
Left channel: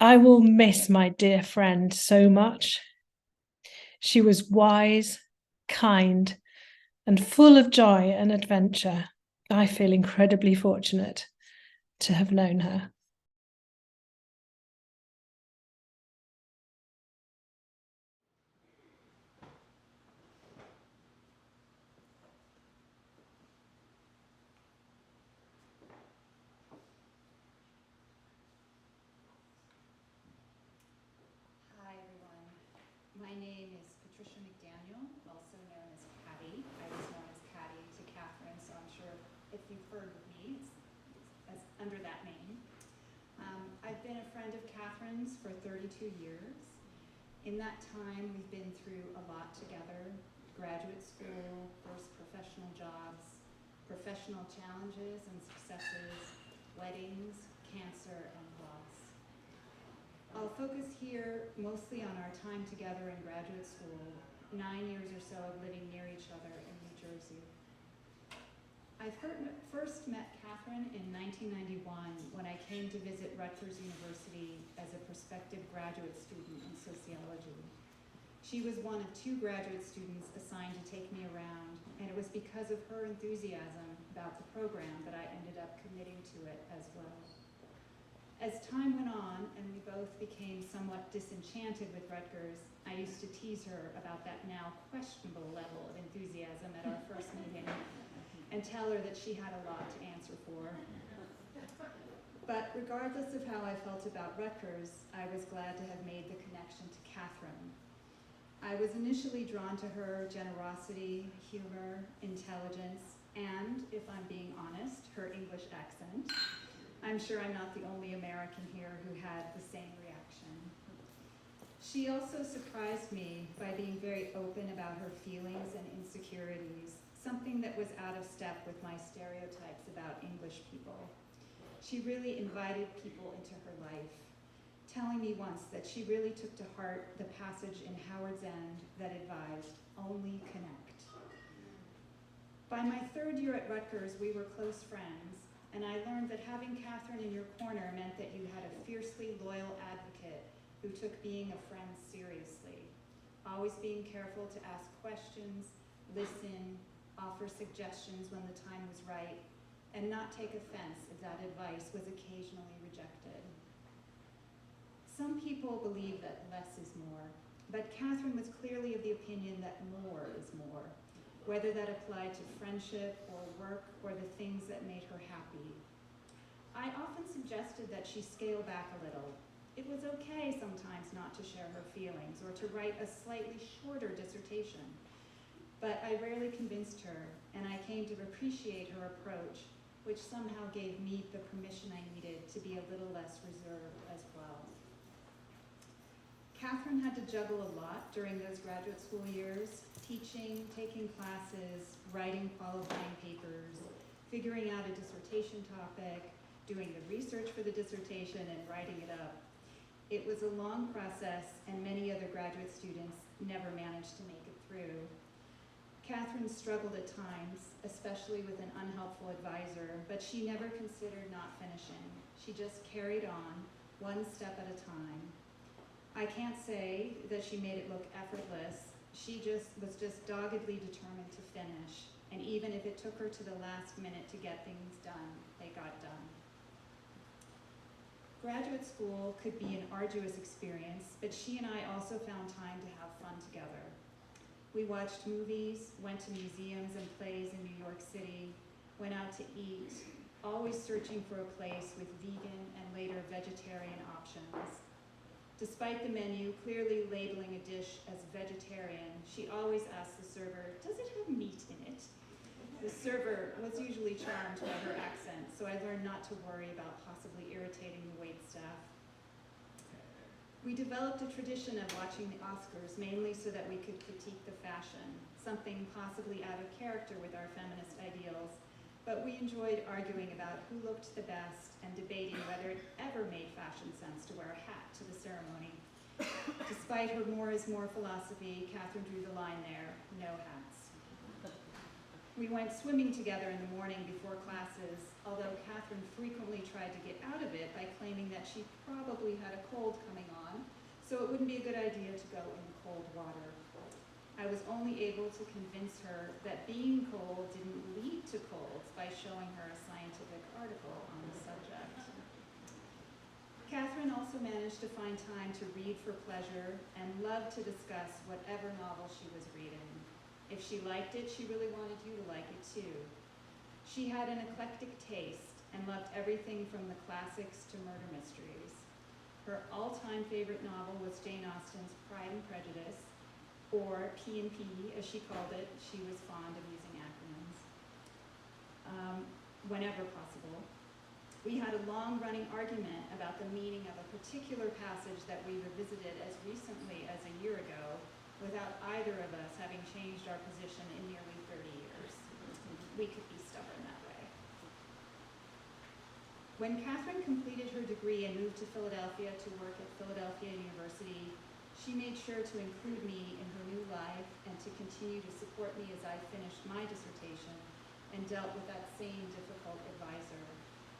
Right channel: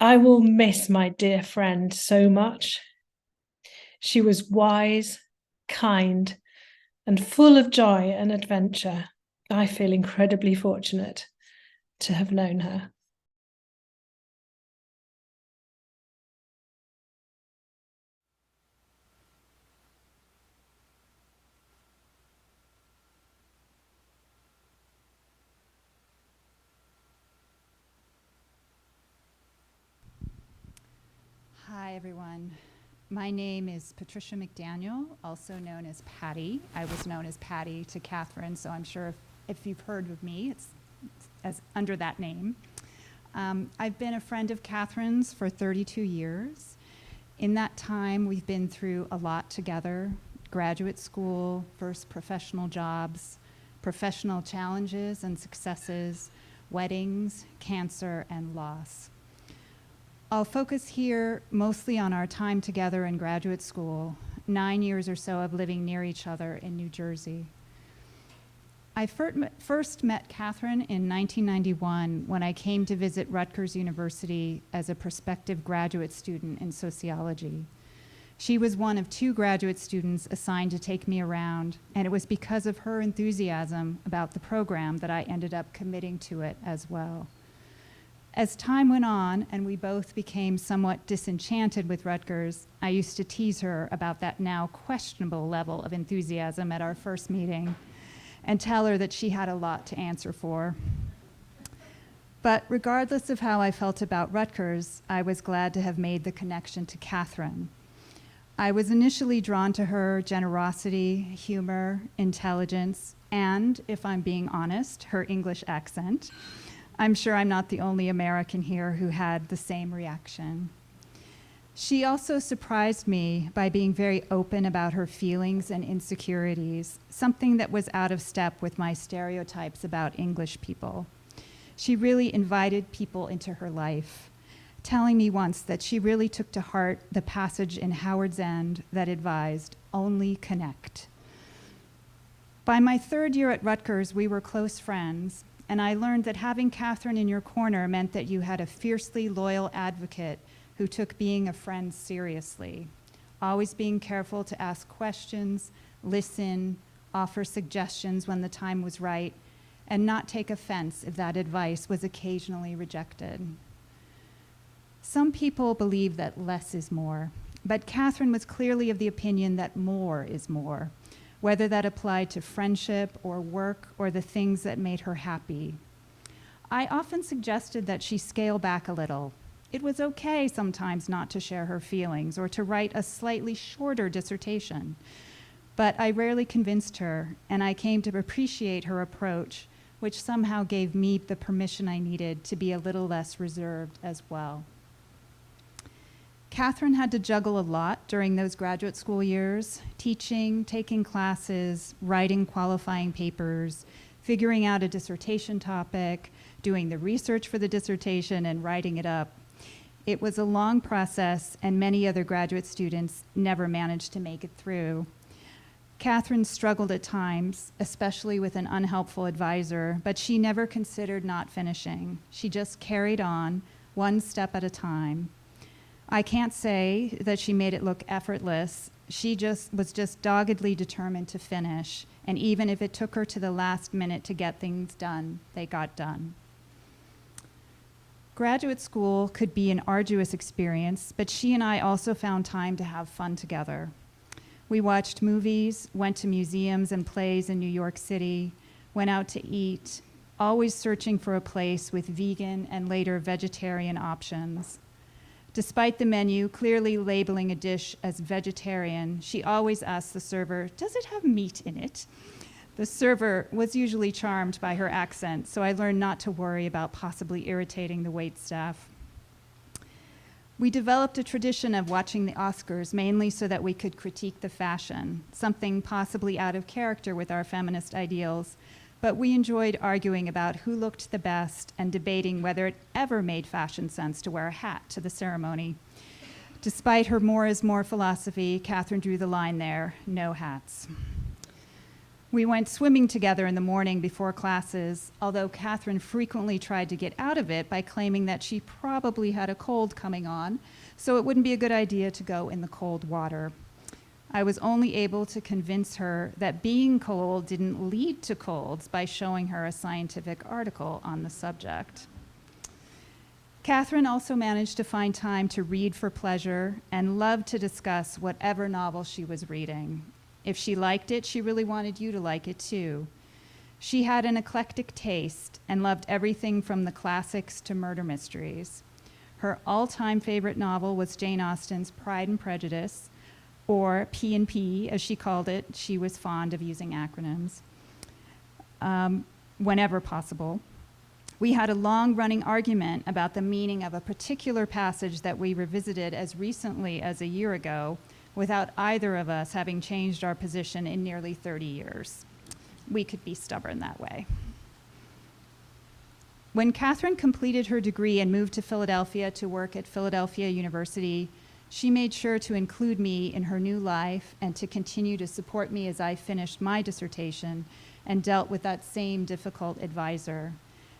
I will miss my dear friend so much. She was wise, kind, and full of joy and adventure. I feel incredibly fortunate to have known her. Hi, everyone. My name is Patricia McDaniel, also known as Patty. I was known as Patty to Katherine, so I'm sure if you've heard of me, it's as under that name. I've been a friend of Katherine's for 32 years. In that time, we've been through a lot together: graduate school, first professional jobs, professional challenges and successes, weddings, cancer, and loss. I'll focus here mostly on our time together in graduate school, 9 years or so of living near each other in New Jersey. I first met Katherine in 1991 when I came to visit Rutgers University as a prospective graduate student in sociology. She was one of 2 graduate students assigned to take me around, and it was because of her enthusiasm about the program that I ended up committing to it as well. As time went on and we both became somewhat disenchanted with Rutgers, I used to tease her about that now questionable level of enthusiasm at our first meeting and tell her that she had a lot to answer for. But regardless of how I felt about Rutgers, I was glad to have made the connection to Katherine. I was initially drawn to her generosity, humor, intelligence, and, if I'm being honest, her English accent. I'm sure I'm not the only American here who had the same reaction. She also surprised me by being very open about her feelings and insecurities, something that was out of step with my stereotypes about English people. She really invited people into her life, telling me once that she really took to heart the passage in Howard's End that advised, "Only connect." By my 3rd year at Rutgers, we were close friends, and I learned that having Katherine in your corner meant that you had a fiercely loyal advocate who took being a friend seriously, always being careful to ask questions, listen, offer suggestions when the time was right, and not take offense if that advice was occasionally rejected. Some people believe that less is more, but Katherine was clearly of the opinion that more is more, whether that applied to friendship or work or the things that made her happy. I often suggested that she scale back a little. It was okay sometimes not to share her feelings or to write a slightly shorter dissertation. But I rarely convinced her, and I came to appreciate her approach, which somehow gave me the permission I needed to be a little less reserved as well. Katherine had to juggle a lot during those graduate school years, teaching, taking classes, writing qualifying papers, figuring out a dissertation topic, doing the research for the dissertation, and writing it up. It was a long process, and many other graduate students never managed to make it through. Katherine struggled at times, especially with an unhelpful advisor, but she never considered not finishing. She just carried on, one step at a time. I can't say that she made it look effortless. She was just doggedly determined to finish, and even if it took her to the last minute to get things done, they got done. Graduate school could be an arduous experience, but she and I also found time to have fun together. We watched movies, went to museums and plays in New York City, went out to eat, always searching for a place with vegan and later vegetarian options. Despite the menu clearly labeling a dish as vegetarian, she always asked the server, "Does it have meat in it?" The server was usually charmed by her accent, so I learned not to worry about possibly irritating the waitstaff. We developed a tradition of watching the Oscars mainly so that we could critique the fashion, something possibly out of character with our feminist ideals, but we enjoyed arguing about who looked the best and debating whether it ever made fashion sense to wear a hat to the ceremony. Despite her more is more philosophy, Katherine drew the line there, no hats. We went swimming together in the morning before classes, although Katherine frequently tried to get out of it by claiming that she probably had a cold coming on, so it wouldn't be a good idea to go in the cold water. I was only able to convince her that being cold didn't lead to colds by showing her a scientific article on the subject. Katherine also managed to find time to read for pleasure and loved to discuss whatever novel she was reading. If she liked it, she really wanted you to like it too. She had an eclectic taste and loved everything from the classics to murder mysteries. Her all-time favorite novel was Jane Austen's Pride and Prejudice, or P&P, as she called it. She was fond of using acronyms whenever possible. We had a long-running argument about the meaning of a particular passage that we revisited as recently as a year ago, without either of us having changed our position in nearly 30 years. We could be stubborn that way. When Katherine completed her degree and moved to Philadelphia to work at Philadelphia University, she made sure to include me in her new life and to continue to support me as I finished my dissertation and dealt with that same difficult advisor.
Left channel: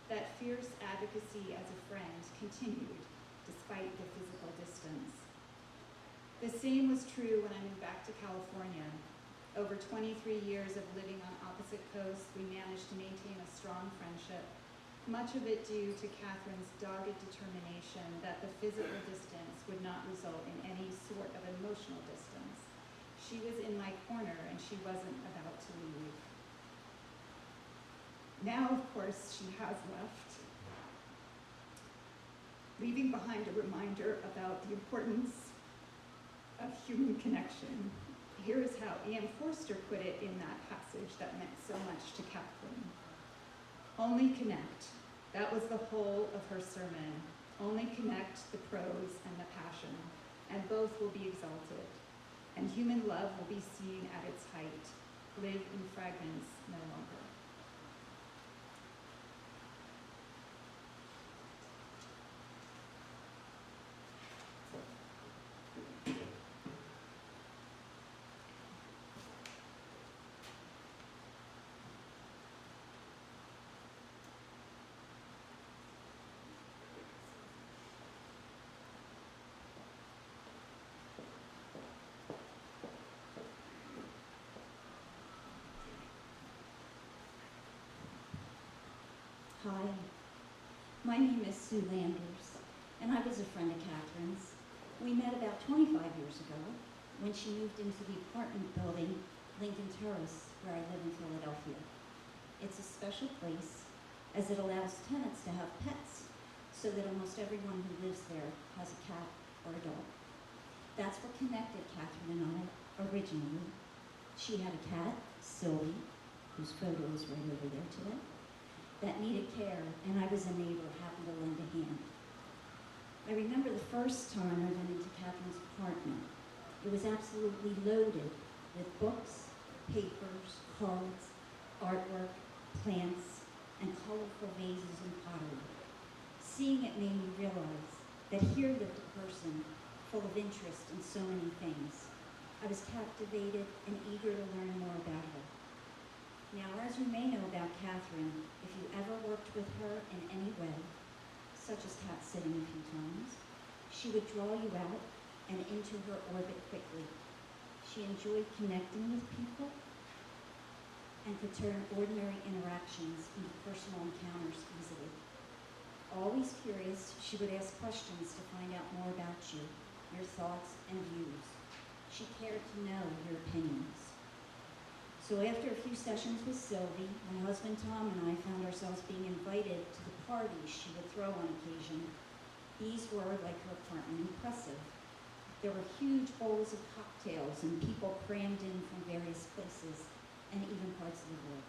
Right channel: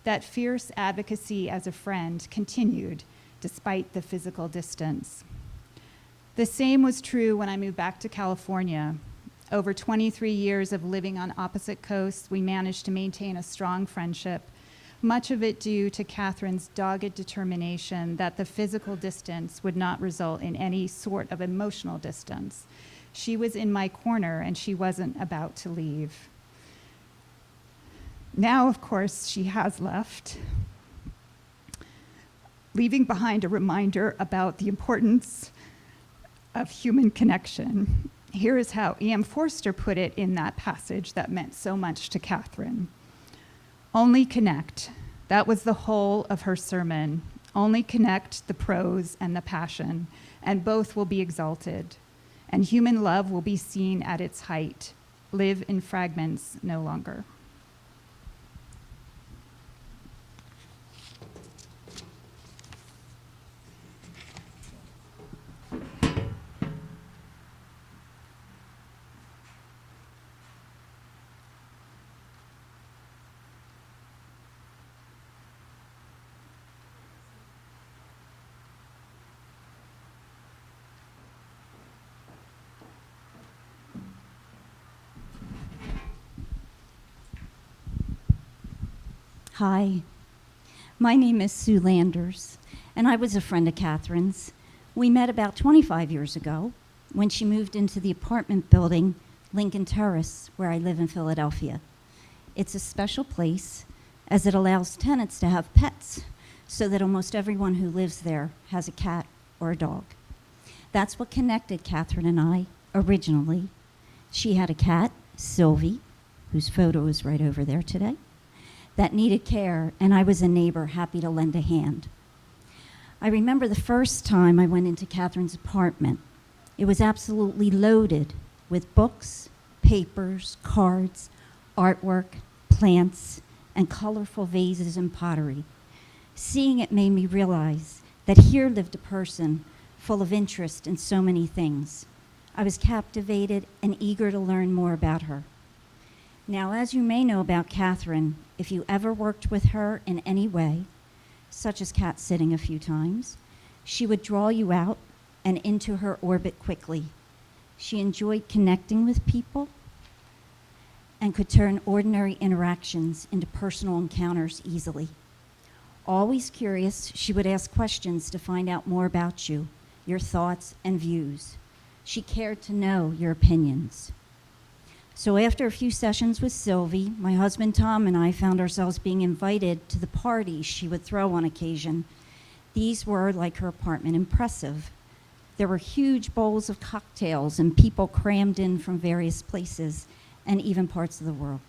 That fierce advocacy as a friend continued despite the physical distance. The same was true when I moved back to California. Over 23 years of living on opposite coasts, we managed to maintain a strong friendship, much of it due to Katherine's dogged determination that the physical distance would not result in any sort of emotional distance. She was in my corner and she wasn't about to leave. Now, of course, she has left, leaving behind a reminder about the importance of human connection. Here is how E.M. Forster put it in that passage that meant so much to Katherine. Only connect. That was the whole of her sermon. Only connect the prose and the passion, and both will be exalted. And human love will be seen at its height. Live in fragments no longer. Hi, my name is Sue Landers, and I was a friend of Catherine's. We met about 25 years ago when she moved into the apartment building, Lincoln Terrace, where I live in Philadelphia. It's a special place as it allows tenants to have pets so that almost everyone who lives there has a cat or a dog. That's what connected Katherine and I originally. She had a cat, Sylvie, whose photo is right over there today, that needed care, and I was a neighbor happy to lend a hand. I remember the first time I went into Catherine's apartment. It was absolutely loaded with books, papers, cards, artwork, plants, and colorful vases and pottery. Seeing it made me realize that here lived a person full of interest in so many things. I was captivated and eager to learn more about her. Now, as you may know about Katherine, if you ever worked with her in any way, such as cat sitting a few times, she would draw you out and into her orbit quickly. She enjoyed connecting with people and could turn ordinary interactions into personal encounters easily. Always curious, she would ask questions to find out more about you, your thoughts and views. She cared to know your opinions. So after a few sessions with Sylvie, my husband Tom and I found ourselves being invited to the parties she would throw on occasion. These were, like her apartment, impressive. There were huge bowls of cocktails and people crammed in from various places and even parts of the world.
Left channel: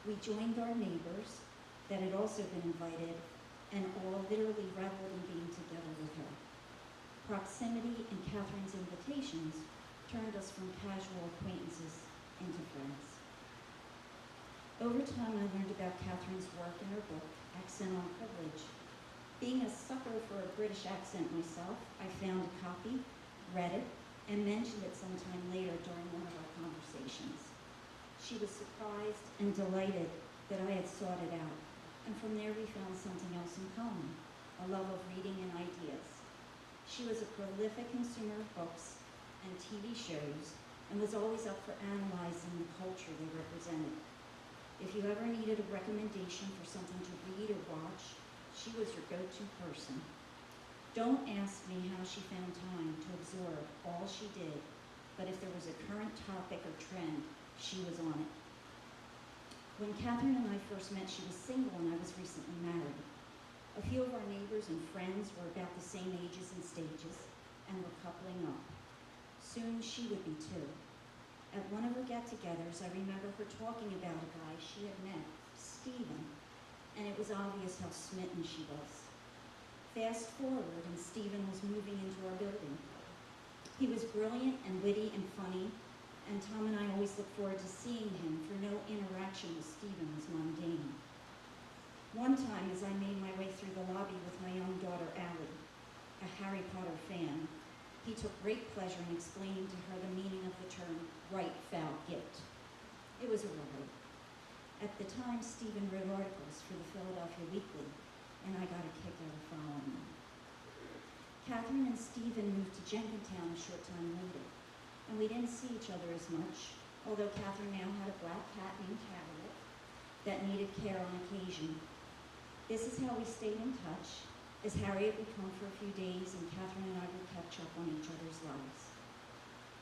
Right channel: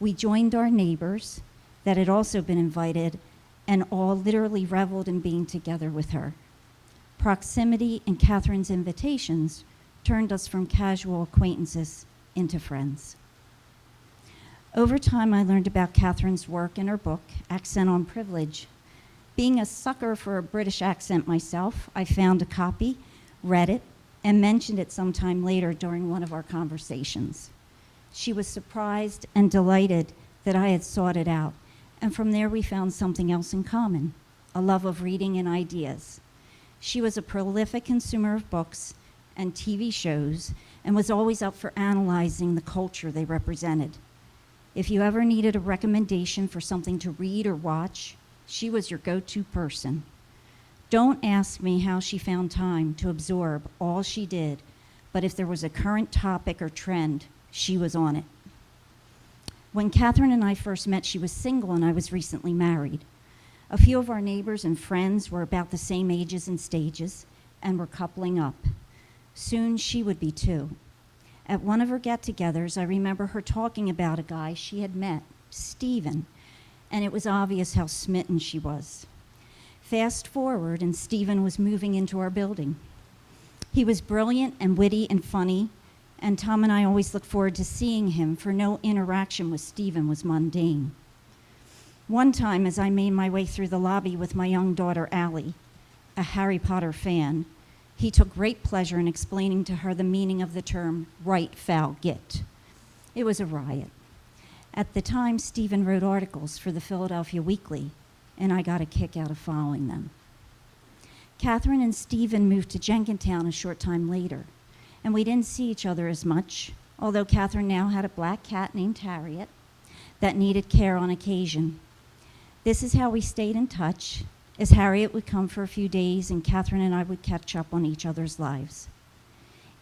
We joined our neighbors that had also been invited and all literally reveled in being together with her. Proximity and Katherine's invitations turned us from casual acquaintances into friends. Over time, I learned about Katherine's work in her book, Accent on Privilege. Being a sucker for a British accent myself, I found a copy, read it, and mentioned it sometime later during one of our conversations. She was surprised and delighted that I had sought it out, and from there we found something else in common, a love of reading and ideas. She was a prolific consumer of books and TV shows and was always up for analyzing the culture they represented. If you ever needed a recommendation for something to read or watch, she was your go-to person. Don't ask me how she found time to absorb all she did, but if there was a current topic or trend, she was on it. When Katherine and I first met, she was single and I was recently married. A few of our neighbors and friends were about the same ages and stages and were coupling up. Soon she would be too. At one of her get-togethers, I remember her talking about a guy she had met, Stephen, and it was obvious how smitten she was. Fast forward, and Stephen was moving into our building. He was brilliant and witty and funny, and Tom and I always looked forward to seeing him, for no interaction with Stephen was mundane. One time, as I made my way through the lobby with my young daughter, Allie, a Harry Potter fan, he took great pleasure in explaining to her the meaning of the term right, foul, git. It was a riot. At the time, Stephen wrote articles for the Philadelphia Weekly, and I got a kick out of following them. Katherine and Stephen moved to Jenkintown a short time later, and we didn't see each other as much, although Katherine now had a black cat named Harriet that needed care on occasion. This is how we stayed in touch, as Harriet would come for a few days and Katherine and I would catch up on each other's lives.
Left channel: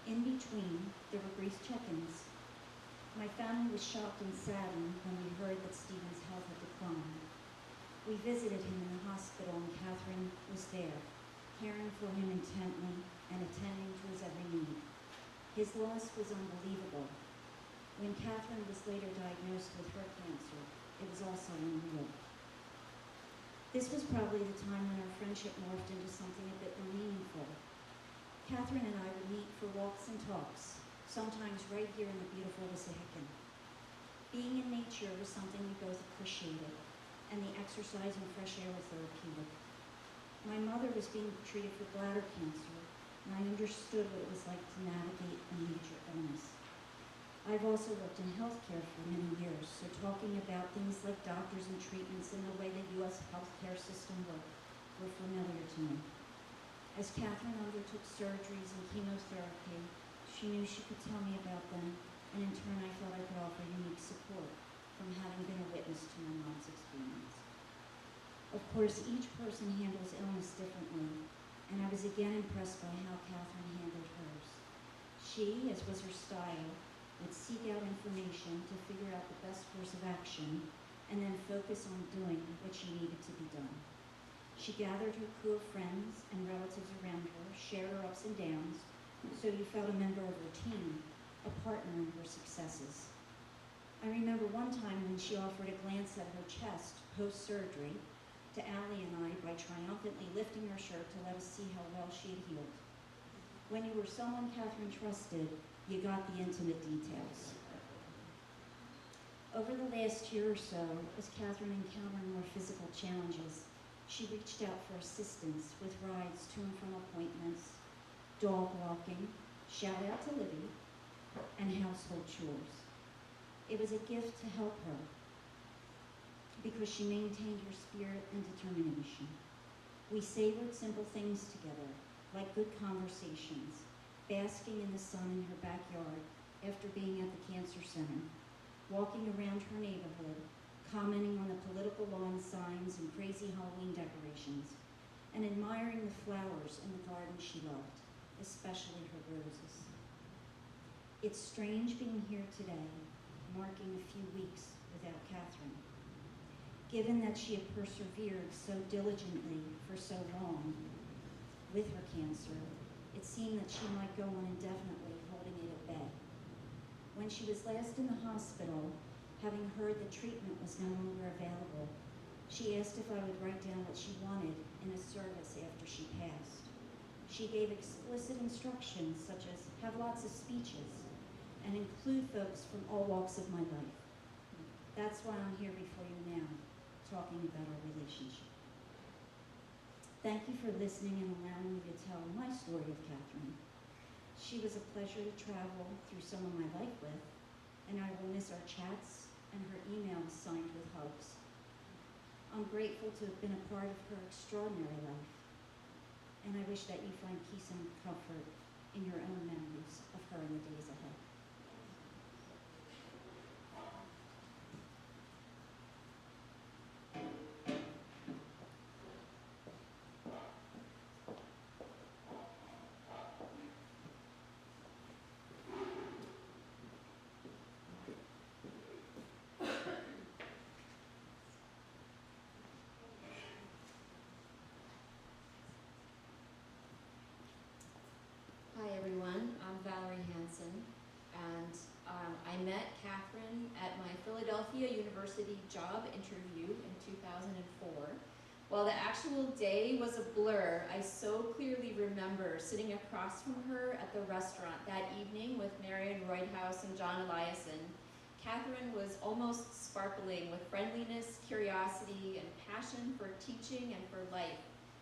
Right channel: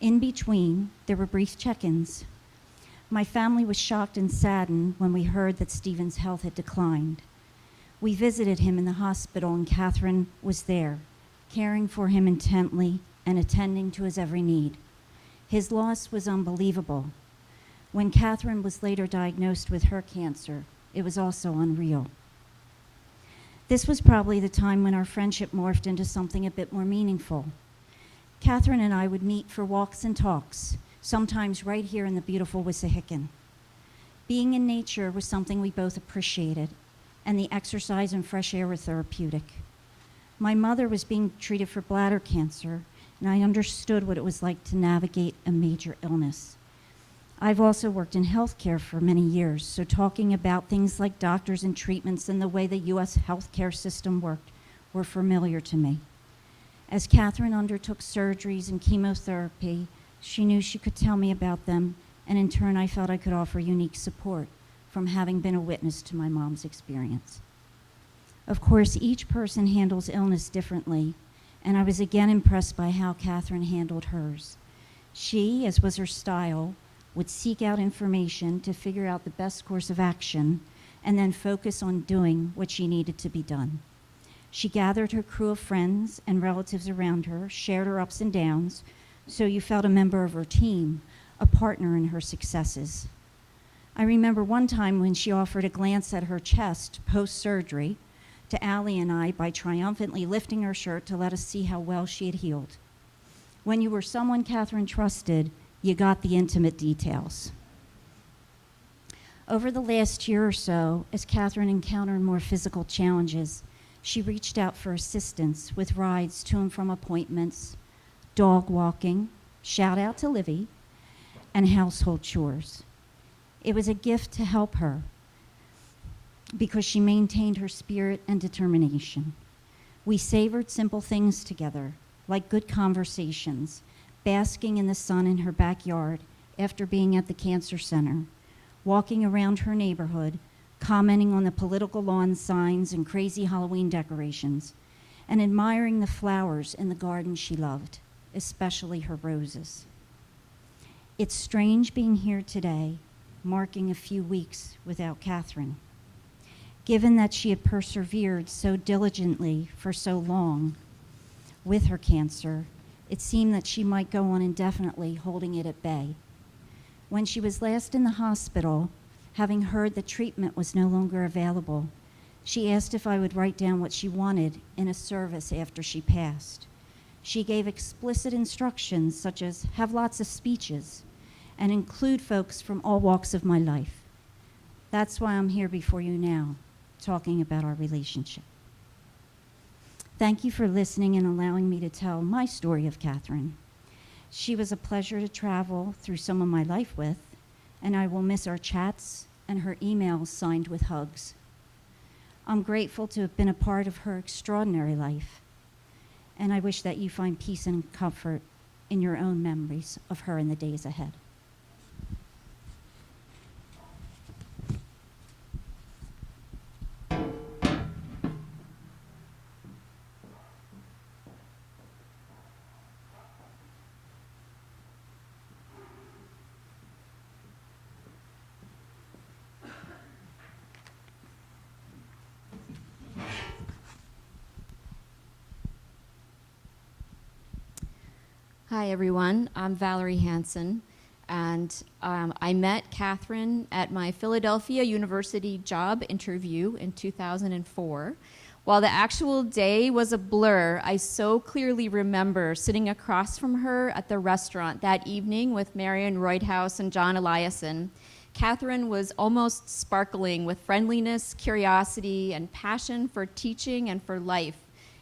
In between, there were brief check-ins. My family was shocked and saddened when we heard that Stephen's health had declined. We visited him in the hospital and Katherine was there, caring for him intently and attending to his every need. His loss was unbelievable. When Katherine was later diagnosed with her cancer, it was also unreal. This was probably the time when our friendship morphed into something a bit more meaningful. Katherine and I would meet for walks and talks, sometimes right here in the beautiful Wissahickon. Being in nature was something we both appreciated, and the exercise and fresh air were therapeutic. My mother was being treated for bladder cancer, and I understood what it was like to navigate a major illness. I've also worked in healthcare for many years, so talking about things like doctors and treatments and the way the U.S. healthcare system worked were familiar to me. As Katherine undertook surgeries and chemotherapy, she knew she could tell me about them, and in turn I felt I could offer unique support from having been a witness to my mom's experience. Of course, each person handles illness differently, and I was again impressed by how Katherine handled hers. She, as was her style, would seek out information to figure out the best course of action and then focus on doing what she needed to be done. She gathered her crew of friends and relatives around her, shared her ups and downs, so you felt a member of her team, a partner in her successes. I remember one time when she offered a glance at her chest post-surgery to Allie and I by triumphantly lifting her shirt to let us see how well she had healed. When you were someone Katherine trusted, you got the intimate details. Over the last year or so, as Katherine encountered more physical challenges, she reached out for assistance with rides to and from appointments, dog walking, shout out to Livy, and household chores. It was a gift to help her because she maintained her spirit and determination. We savored simple things together, like good conversations, basking in the sun in her backyard after being at the cancer center, walking around her neighborhood, commenting on the political lawn signs and crazy Halloween decorations, and admiring the flowers in the garden she loved, especially her roses. It's strange being here today, marking a few weeks without Katherine. Given that she had persevered so diligently for so long with her cancer, it seemed that she might go on indefinitely holding it at bay. When she was last in the hospital, having heard that treatment was no longer available, she asked if I would write down what she wanted in a service after she passed. She gave explicit instructions such as have lots of speeches and include folks from all walks of my life. That's why I'm here before you now, talking about our relationship. Thank you for listening and allowing me to tell my story of Katherine. She was a pleasure to travel through some of my life with, and I will miss our chats and her emails signed with hugs. I'm grateful to have been a part of her extraordinary life, and I wish that you find peace and comfort in your own memories of her in the days ahead. Hi, everyone. I'm Valerie Hansen, and I met Katherine at my Philadelphia University job interview in 2004. While the actual day was a blur, I so clearly remember sitting across from her at the restaurant that evening with Marion Reuthaus and John Eliason. Katherine was almost sparkling with friendliness, curiosity, and passion for teaching and for life,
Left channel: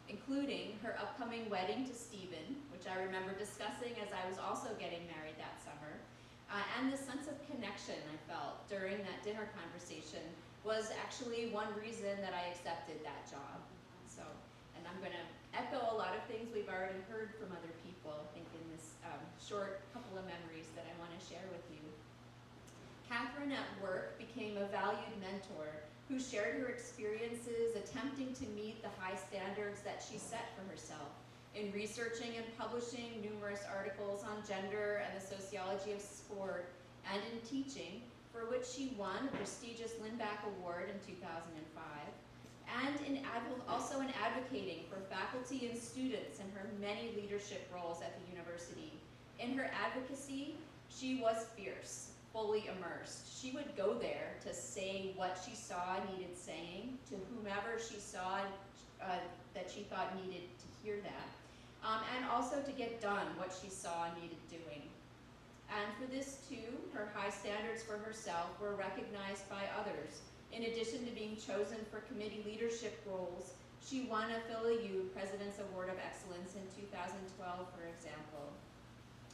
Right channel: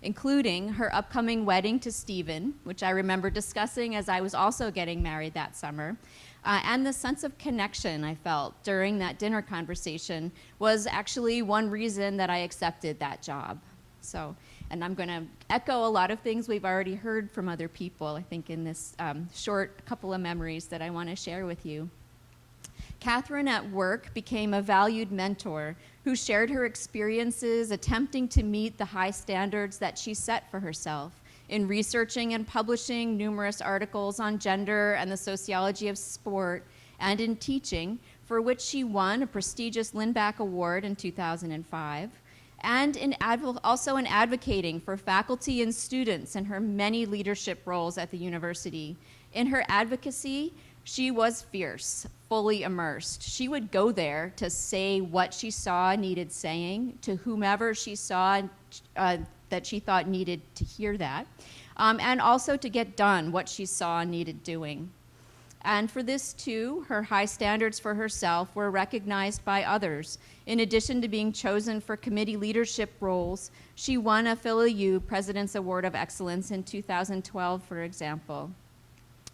including her upcoming wedding to Stephen, which I remember discussing as I was also getting married that summer. And the sense of connection I felt during that dinner conversation was actually one reason that I accepted that job. So, and I'm going to echo a lot of things we've already heard from other people, I think, in this short couple of memories that I want to share with you. Katherine at work became a valued mentor who shared her experiences attempting to meet the high standards that she set for herself in researching and publishing numerous articles on gender and the sociology of sport, and in teaching, for which she won a prestigious Lindback Award in 2005, and also in advocating for faculty and students in her many leadership roles at the university. In her advocacy, she was fierce, fully immersed. She would go there to say what she saw needed saying to whomever she saw that she thought needed to hear that, and also to get done what she saw needed doing. And for this too, her high standards for herself were recognized by others. In addition to being chosen for committee leadership roles, she won a PhilAU President's Award of Excellence in 2012, for example.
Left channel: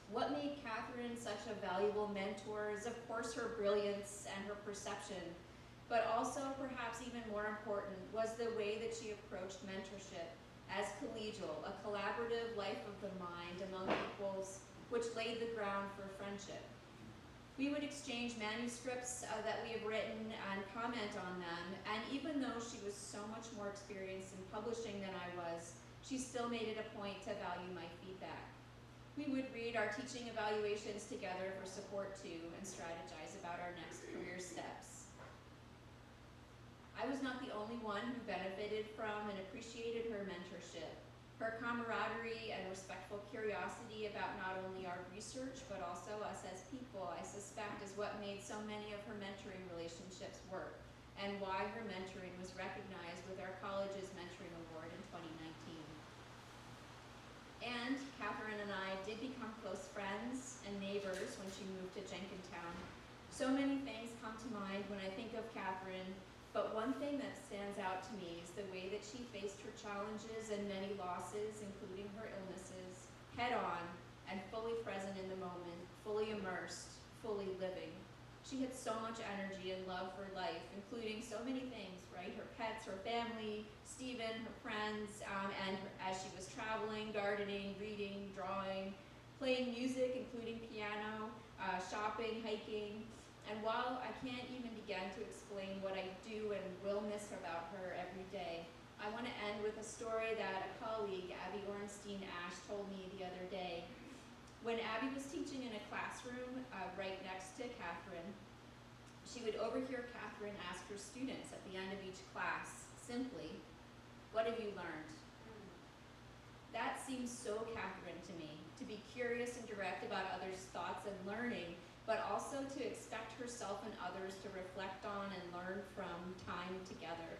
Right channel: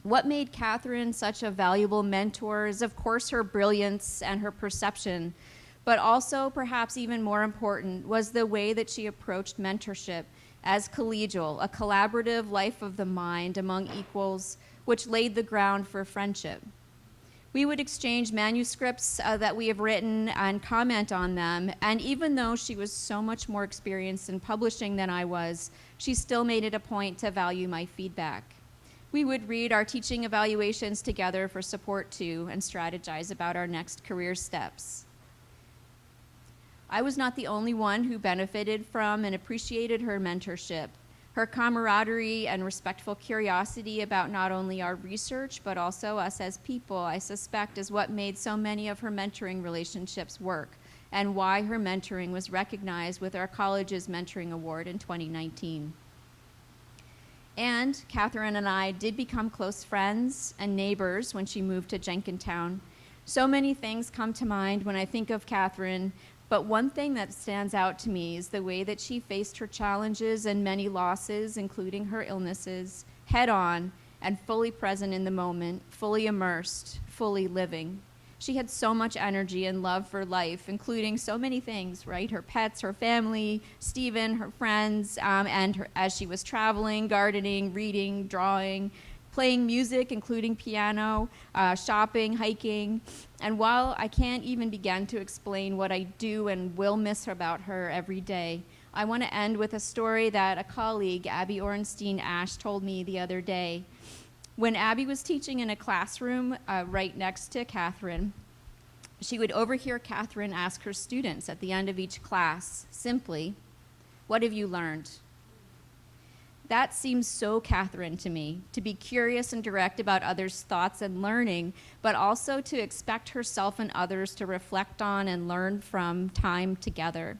What made Katherine such a valuable mentor is, of course, her brilliance and her perception, but also, perhaps even more important, was the way that she approached mentorship as collegial, a collaborative life of the mind among equals, which laid the ground for friendship. We would exchange manuscripts that we have written and comment on them. And even though she was so much more experienced in publishing than I was, she still made it a point to value my feedback. We would read our teaching evaluations together for support too and strategize about our next career steps. I was not the only one who benefited from and appreciated her mentorship. Her camaraderie and respectful curiosity about not only our research, but also us as people, I suspect, is what made so many of her mentoring relationships work, and why her mentoring was recognized with our college's mentoring award in 2019. And Katherine and I did become close friends and neighbors when she moved to Jenkintown. So many things come to mind when I think of Katherine, but one thing that stands out to me is the way that she faced her challenges and many losses, including her illnesses, head on and fully present in the moment, fully immersed, fully living. She had so much energy and love for life, including so many things, right? Her pets, her family, Stephen, her friends, as she was traveling, gardening, reading, drawing, playing music, including piano, shopping, hiking. And while I can't even begin to explain what I do and will miss about her every day, I want to end with a story that a colleague, Abby Orenstein-Ash, told me the other day. When Abby was teaching in a classroom right next to Katherine, she would overhear Katherine ask her students at the end of each class, simply, "What have you learned?" That seems so Katherine to me, to be curious and direct about others' thoughts and learning, but also to expect herself and others to reflect on and learn from time together.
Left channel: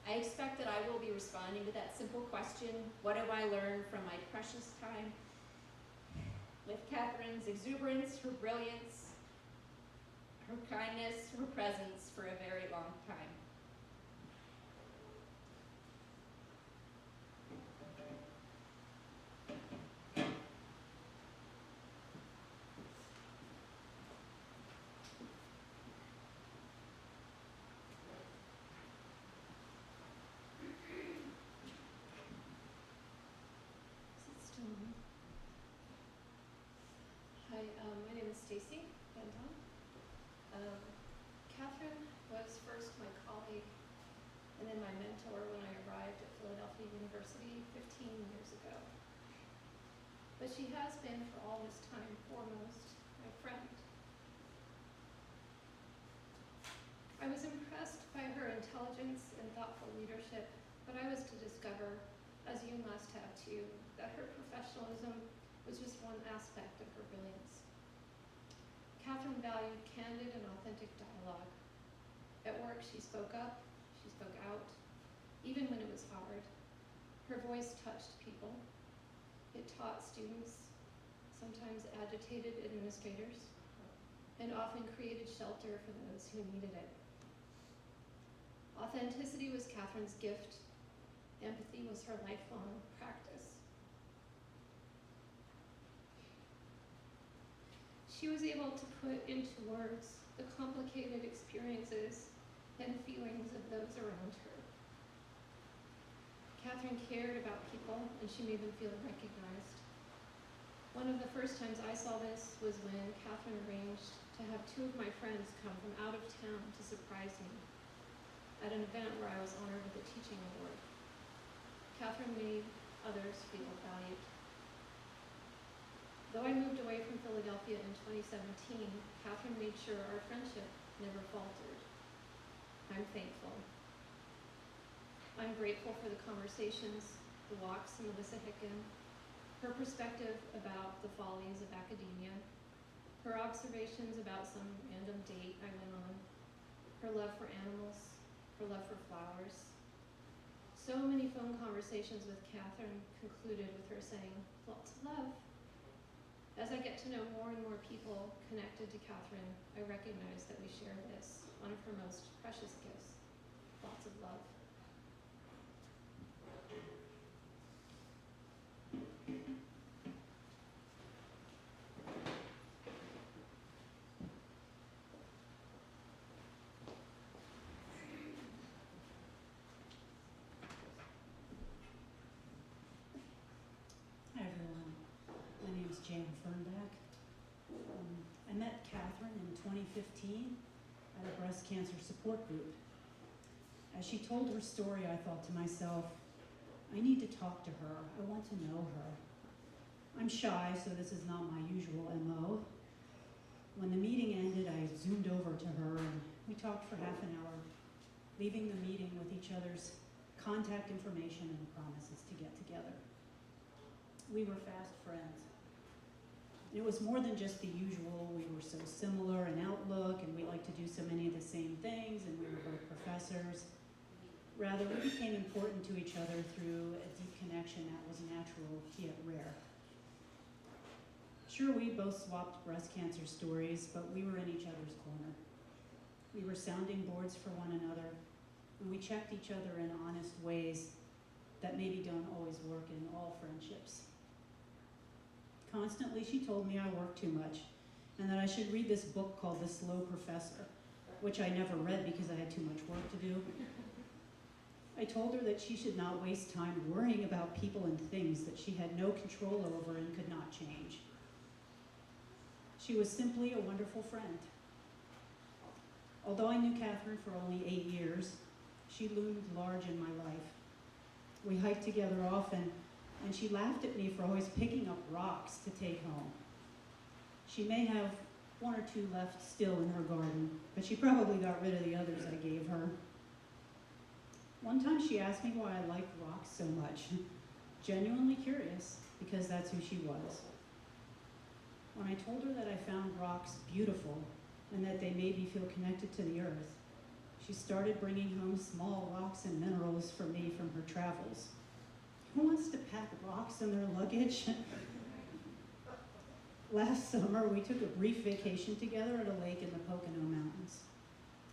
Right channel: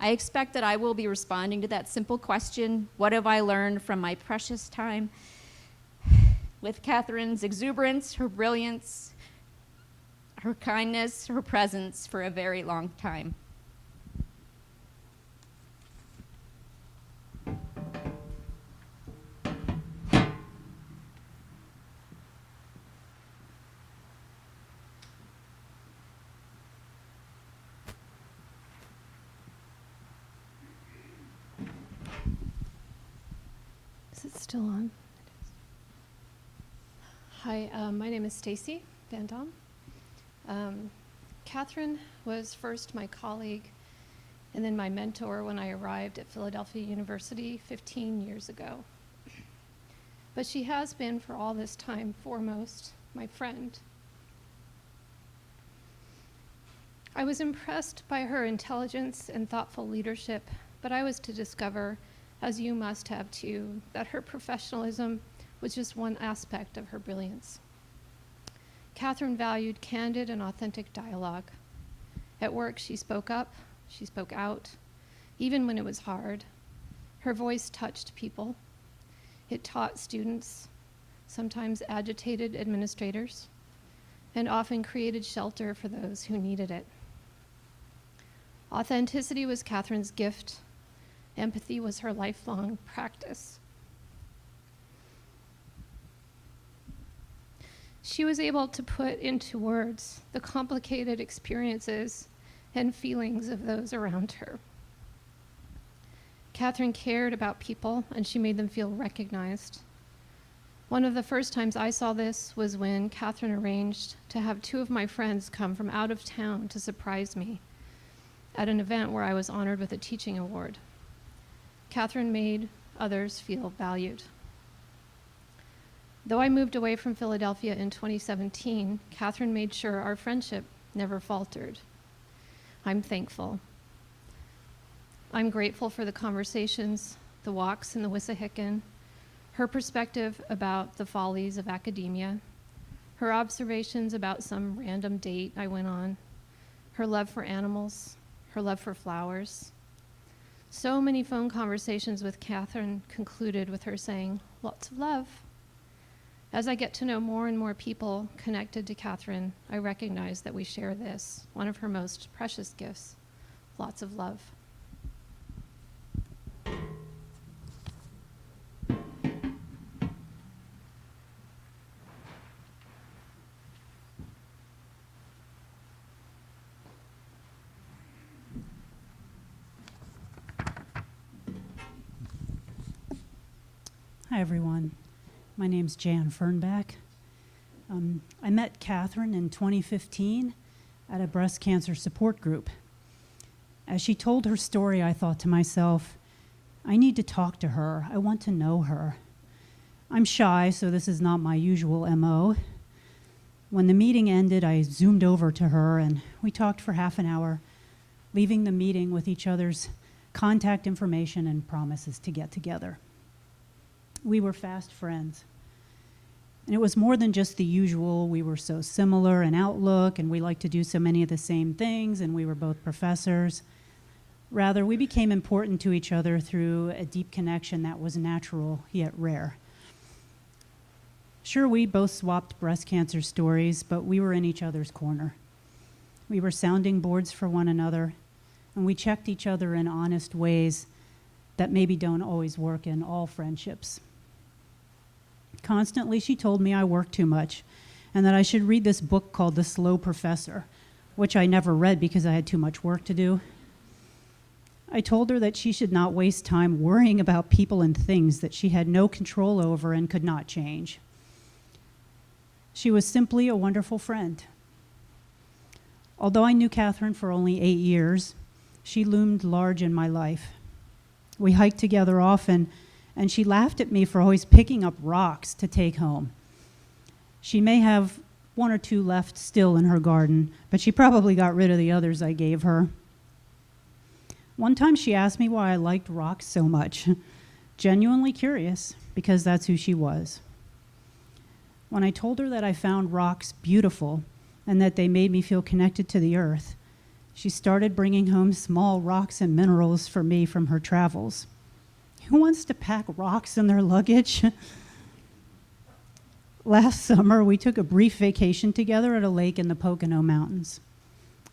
I expect that I will be responding to that simple question, what have I learned from my precious time with Katherine's exuberance, her brilliance, her kindness, her presence for a very long time. Is it still on? Hi, my name is Stacy Van Dam. Katherine was first my colleague and then my mentor when I arrived at Philadelphia University 15 years ago. But she has been for all this time foremost my friend. I was impressed by her intelligence and thoughtful leadership, but I was to discover, as you must have too, that her professionalism was just one aspect of her brilliance. Katherine valued candid and authentic dialogue. At work, she spoke up, she spoke out, even when it was hard. Her voice touched people. It taught students, sometimes agitated administrators, and often created shelter for those who needed it. Authenticity was Katherine's gift. Empathy was her lifelong practice. She was able to put into words the complicated experiences and feelings of those around her. Katherine cared about people, and she made them feel recognized. One of the first times I saw this was when Katherine arranged to have two of my friends come from out of town to surprise me at an event where I was honored with a teaching award. Katherine made others feel valued. Though I moved away from Philadelphia in 2017, Katherine made sure our friendship never faltered. I'm thankful. I'm grateful for the conversations, the walks in the Wissahickon, her perspective about the follies of academia, her observations about some random date I went on, her love for animals, her love for flowers. So many phone conversations with Katherine concluded with her saying, "Lots of love." As I get to know more and more people connected to Katherine, I recognize that we share this, one of her most precious gifts, lots of love. Hi, everyone. My name's Jan Fernback. I met Katherine in 2015 at a breast cancer support group. As she told her story, I thought to myself, I need to talk to her. I want to know her. I'm shy, so this is not my usual MO. When the meeting ended, I zoomed over to her and we talked for half an hour, leaving the meeting with each other's contact information and promises to get together. We were fast friends. And it was more than just the usual, we were so similar in outlook and we liked to do so many of the same things and we were both professors. Rather, we became important to each other through a deep connection that was natural yet rare. Sure, we both swapped breast cancer stories, but we were in each other's corner. We were sounding boards for one another, and we checked each other in honest ways that maybe don't always work in all friendships. Constantly, she told me I worked too much and that I should read this book called The Slow Professor, which I never read because I had too much work to do. I told her that she should not waste time worrying about people and things that she had no control over and could not change. She was simply a wonderful friend. Although I knew Katherine for only 8 years, she loomed large in my life. We hiked together often, and she laughed at me for always picking up rocks to take home. She may have 1 or 2 left still in her garden, but she probably got rid of the others I gave her. One time she asked me why I liked rocks so much. Genuinely curious, because that's who she was. When I told her that I found rocks beautiful and that they made me feel connected to the earth, she started bringing home small rocks and minerals for me from her travels. Who wants to pack rocks in their luggage? Last summer, we took a brief vacation together at a lake in the Pocono Mountains.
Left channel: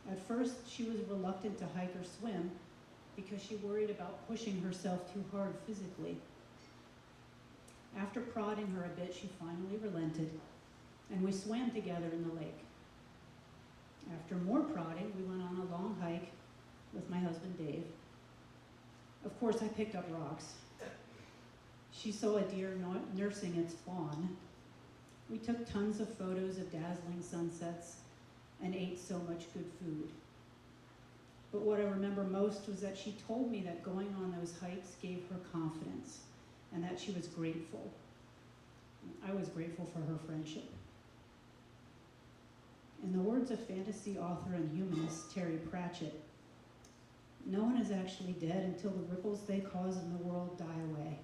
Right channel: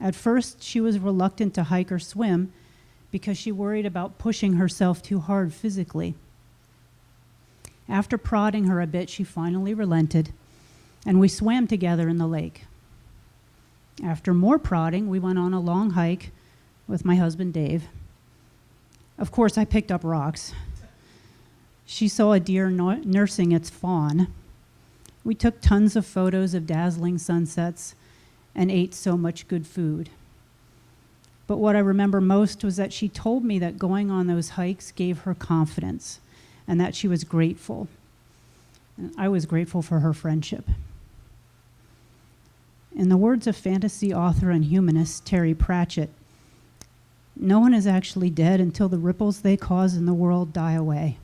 At first, she was reluctant to hike or swim because she worried about pushing herself too hard physically. After prodding her a bit, she finally relented, and we swam together in the lake. After more prodding, we went on a long hike with my husband, Dave. Of course, I picked up rocks. She saw a deer nursing its fawn. We took tons of photos of dazzling sunsets and ate so much good food. But what I remember most was that she told me that going on those hikes gave her confidence and that she was grateful. And I was grateful for her friendship. In the words of fantasy author and humanist Terry Pratchett, no one is actually dead until the ripples they cause in the world die away.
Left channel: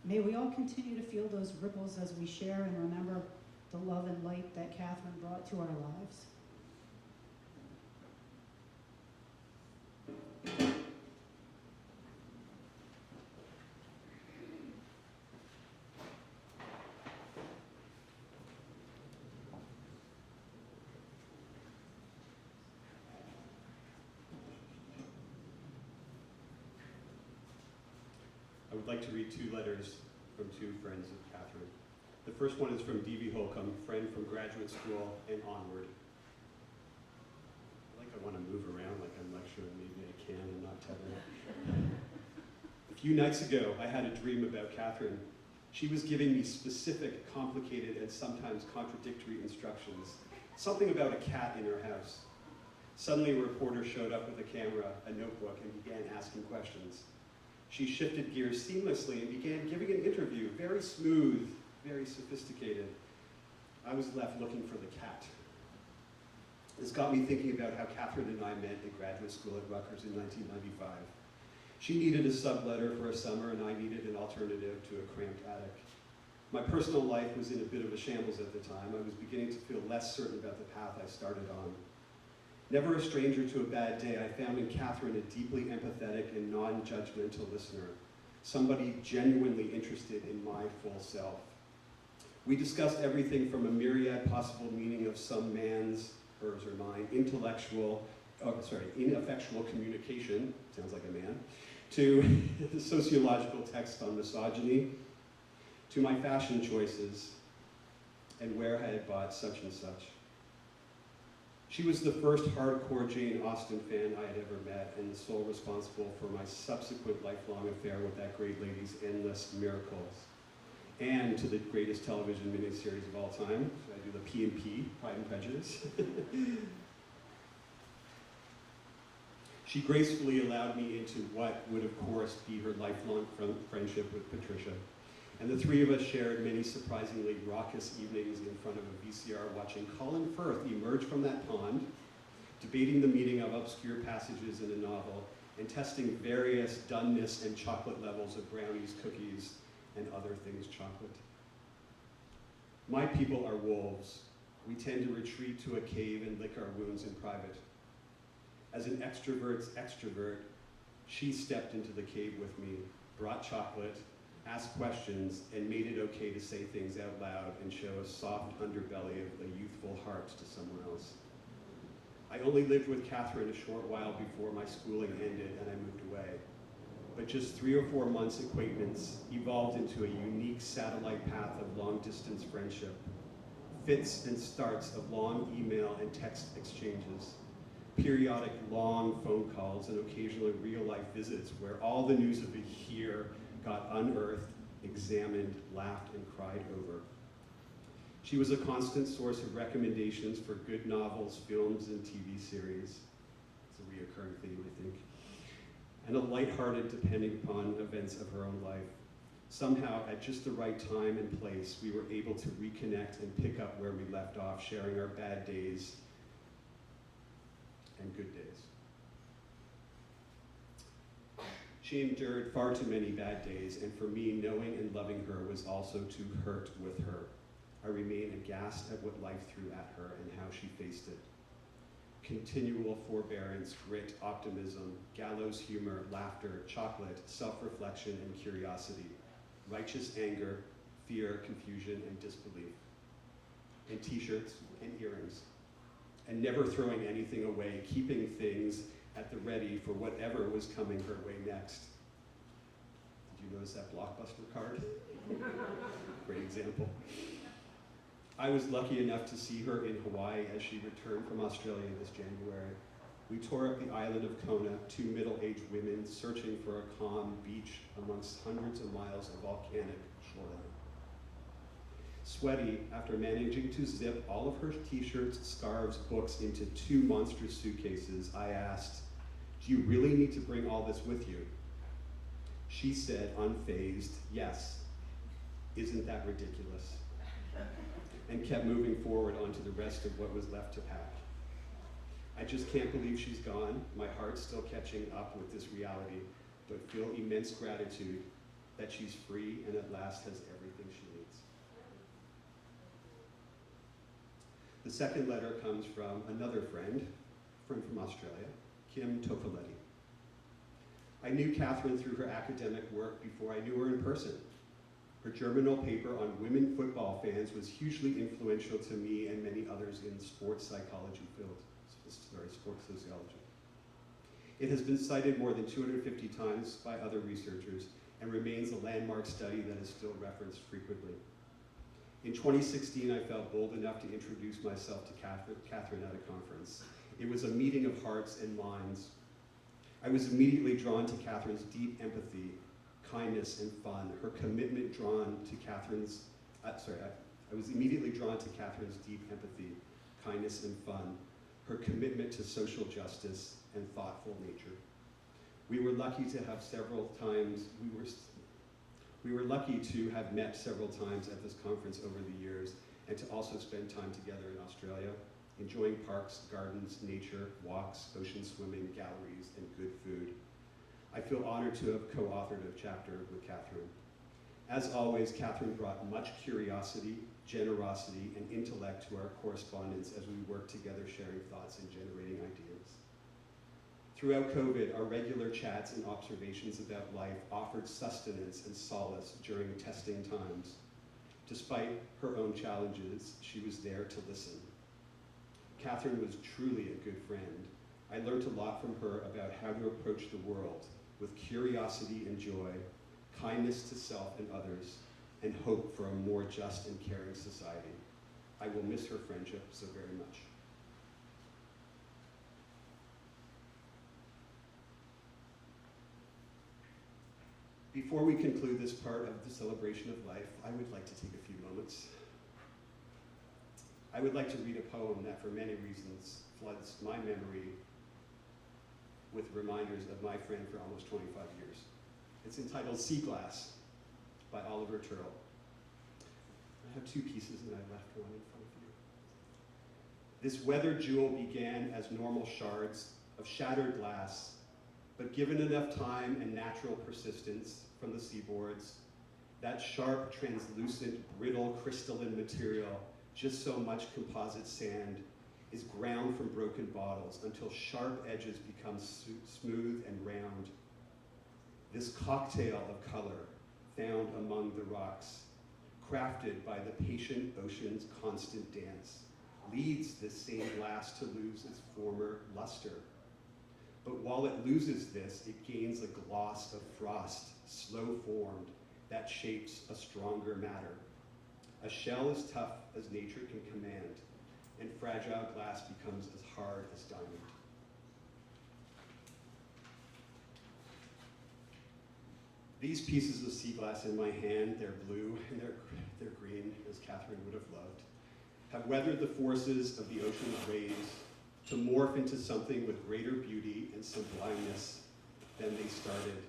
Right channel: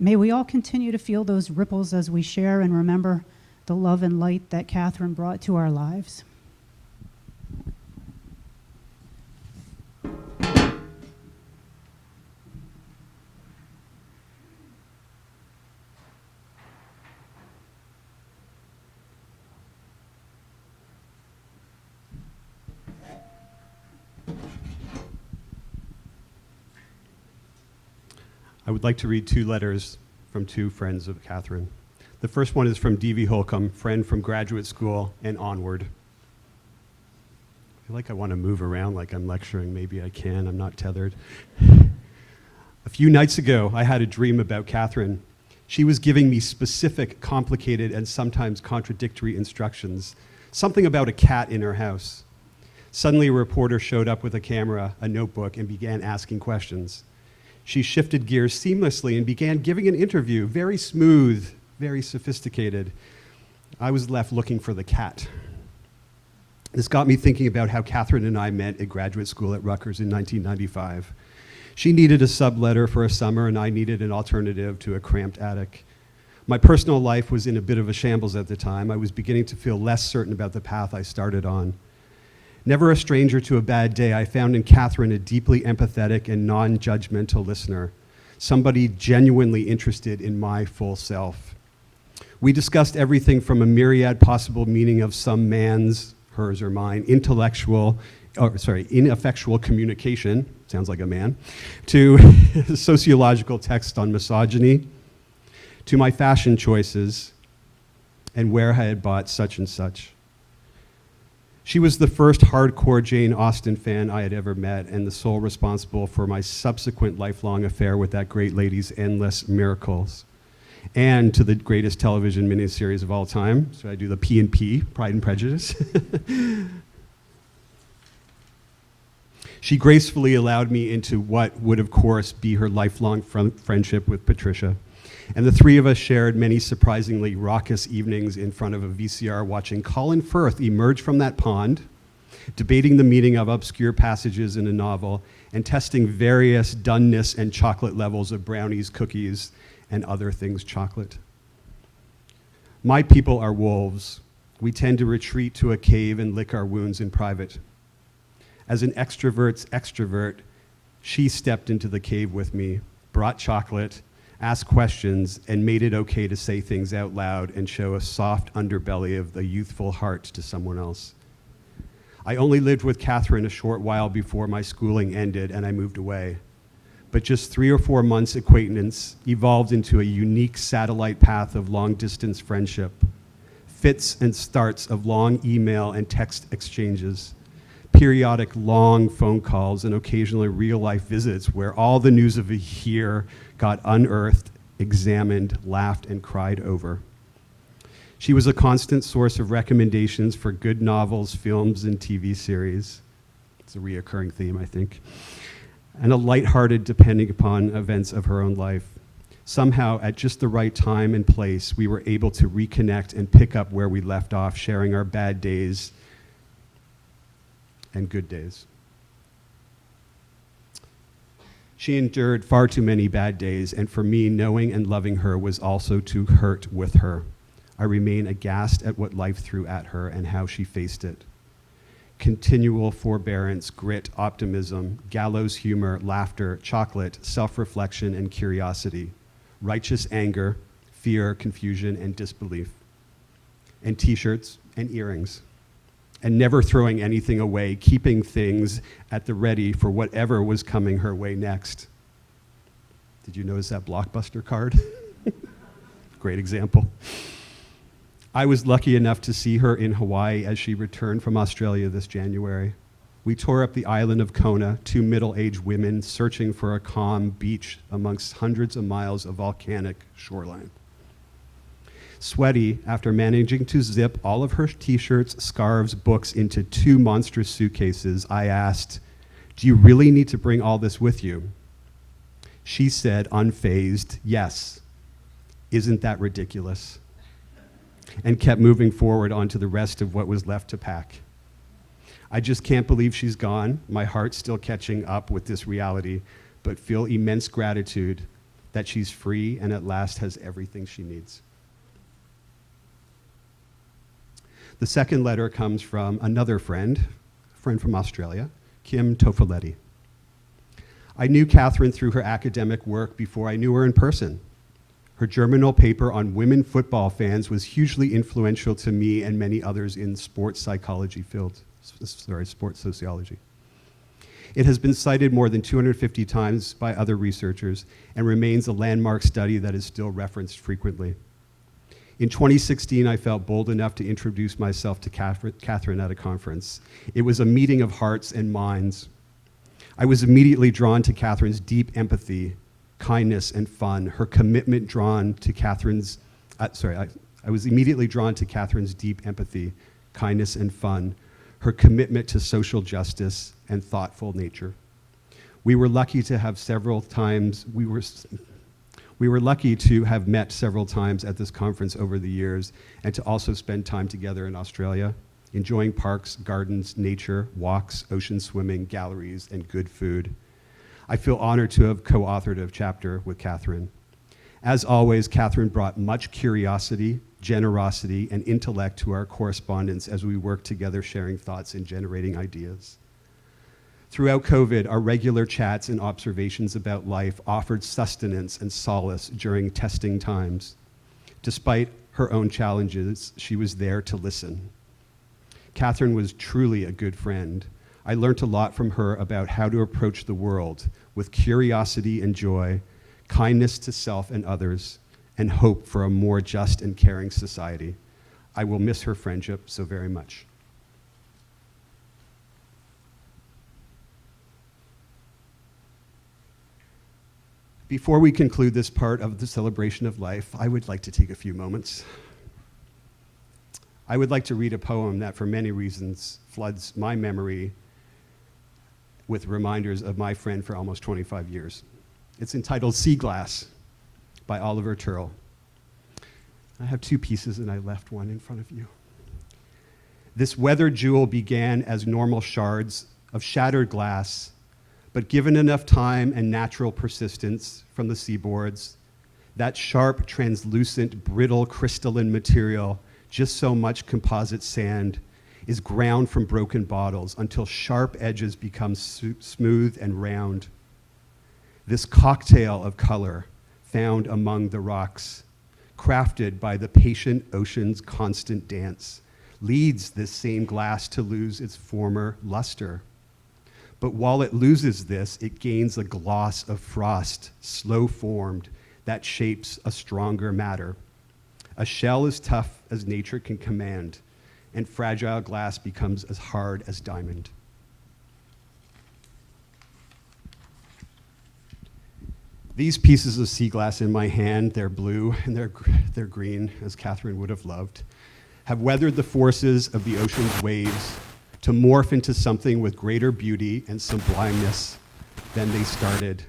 May we all continue to feel those ripples as we share and remember the love and light that Katherine brought to our lives. I would like to read 2 letters from 2 friends of Katherine. The first one is from D.V. Holcomb, friend from graduate school and onward. I feel like I want to move around like I'm lecturing. Maybe I can. I'm not tethered. A few nights ago, I had a dream about Katherine. She was giving me specific, complicated, and sometimes contradictory instructions. Something about a cat in her house. Suddenly, a reporter showed up with a camera, a notebook, and began asking questions. She shifted gears seamlessly and began giving an interview, very smooth, very sophisticated. I was left looking for the cat. This got me thinking about how Katherine and I met at graduate school at Rutgers in 1995. She needed a subletter for a summer, and I needed an alternative to a cramped attic. My personal life was in a bit of a shambles at the time. I was beginning to feel less certain about the path I started on. Never a stranger to a bad day, I found in Katherine a deeply empathetic and non-judgmental listener, somebody genuinely interested in my full self. We discussed everything from a myriad possible meaning of some man's, hers or mine, ineffectual communication, sounds like a man, to sociological text on misogyny, to my fashion choices, and where I had bought such and such. She was the first hardcore Jane Austen fan I had ever met and the sole responsible for my subsequent lifelong affair with that great lady's endless miracles. and to the greatest television miniseries of all time. So I do the P&P, Pride and Prejudice. She gracefully allowed me into what would, of course, be her lifelong friendship with Patricia. And the three of us shared many surprisingly raucous evenings in front of a VCR watching Colin Firth emerge from that pond, debating the meaning of obscure passages in a novel, and testing various doneness and chocolate levels of brownies, cookies, and other things chocolate. My people are wolves. We tend to retreat to a cave and lick our wounds in private. As an extrovert's extrovert, she stepped into the cave with me, brought chocolate, asked questions, and made it okay to say things out loud and show a soft underbelly of the youthful heart to someone else. I only lived with Katherine a short while before my schooling ended and I moved away. But just 3 or 4 months acquaintance evolved into a unique satellite path of long-distance friendship, fits and starts of long email and text exchanges, periodic long phone calls, and occasionally real-life visits where all the news of a year got unearthed, examined, laughed, and cried over. She was a constant source of recommendations for good novels, films, and TV series. It's a reoccurring theme, I think. And a lighthearted, depending upon events of her own life. Somehow, at just the right time and place, we were able to reconnect and pick up where we left off, sharing our bad days and good days. She endured far too many bad days, and for me, knowing and loving her was also to hurt with her. I remain aghast at what life threw at her and how she faced it. Continual forbearance, grit, optimism, gallows humor, laughter, chocolate, self-reflection, and curiosity, righteous anger, fear, confusion, and disbelief, and t-shirts and earrings, and never throwing anything away, keeping things at the ready for whatever was coming her way next. Did you notice that Blockbuster card? Great example. I was lucky enough to see her in Hawaii as she returned from Australia this January. We tore up the island of Kona, 2 middle-aged women searching for a calm beach amongst hundreds of miles of volcanic shoreline. Sweaty, after managing to zip all of her t-shirts, scarves, books into 2 monstrous suitcases, I asked, "Do you really need to bring all this with you?" She said, unfazed, "Yes. Isn't that ridiculous?" And kept moving forward onto the rest of what was left to pack. I just can't believe she's gone. My heart's still catching up with this reality, but feel immense gratitude that she's free and at last has everything she needs. The second letter comes from another friend from Australia, Kim Tofoletti. I knew Katherine through her academic work before I knew her in person. Her germinal paper on women football fans was hugely influential to me and many others in sports psychology fields, sports sociology. It has been cited more than 250 times by other researchers and remains a landmark study that is still referenced frequently. In 2016, I felt bold enough to introduce myself to Katherine at a conference. It was a meeting of hearts and minds. I was immediately drawn to Katherine's deep empathy, kindness, and fun. Her commitment drawn to Katherine's, I was immediately drawn to Katherine's deep empathy, kindness, and fun, her commitment to social justice and thoughtful nature. We were lucky to have lucky to have met several times at this conference over the years and to also spend time together in Australia, enjoying parks, gardens, nature, walks, ocean swimming, galleries, and good food. I feel honored to have co-authored a chapter with Katherine. As always, Katherine brought much curiosity, generosity, and intellect to our correspondence as we worked together sharing thoughts and generating ideas. Throughout COVID, our regular chats and observations about life offered sustenance and solace during testing times. Despite her own challenges, she was there to listen. Katherine was truly a good friend. I learned a lot from her about how to approach the world with curiosity and joy, kindness to self and others, and hope for a more just and caring society. I will miss her friendship so very much. Before we conclude this part of the celebration of life, I would like to take a few moments. I would like to read a poem that, for many reasons, floods my memory with reminders of my friend for almost 25 years. It's entitled Sea Glass by Oliver Turrell. I have two pieces and I left one in front of you. This weathered jewel began as normal shards of shattered glass, but given enough time and natural persistence from the seaboards, that sharp, translucent, brittle, crystalline material, just so much composite sand, is ground from broken bottles until sharp edges become smooth and round. This cocktail of color found among the rocks, crafted by the patient ocean's constant dance, leads this same glass to lose its former luster. But while it loses this, it gains a gloss of frost, slow formed, that shapes a stronger matter. A shell as tough as nature can command, and fragile glass becomes as hard as diamond. These pieces of sea glass in my hand, they're blue and they're green, as Katherine would have loved, have weathered the forces of the ocean's waves to morph into something with greater beauty and sublimeness than they started.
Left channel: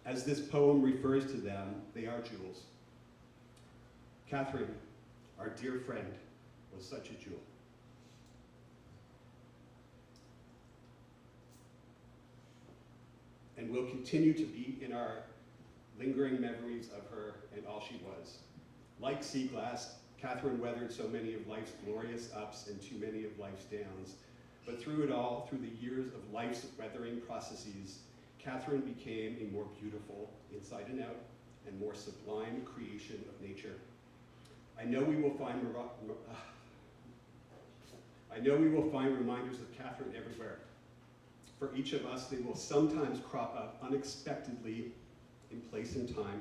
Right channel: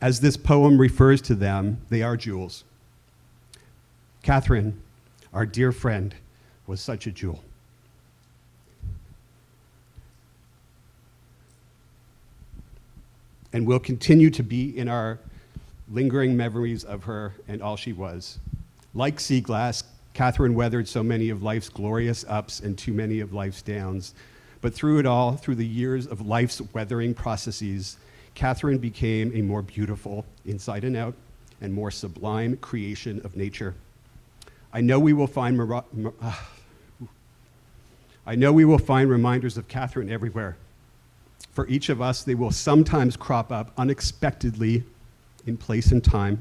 As this poem refers to them, they are jewels. Katherine, our dear friend, was such a jewel. And will continue to be in our lingering memories of her and all she was. Like sea glass, Katherine weathered so many of life's glorious ups and too many of life's downs. But through it all, through the years of life's weathering processes, Katherine became a more beautiful, inside and out, and more sublime creation of nature. I know we will find reminders of Katherine everywhere. For each of us, they will sometimes crop up unexpectedly in place and time.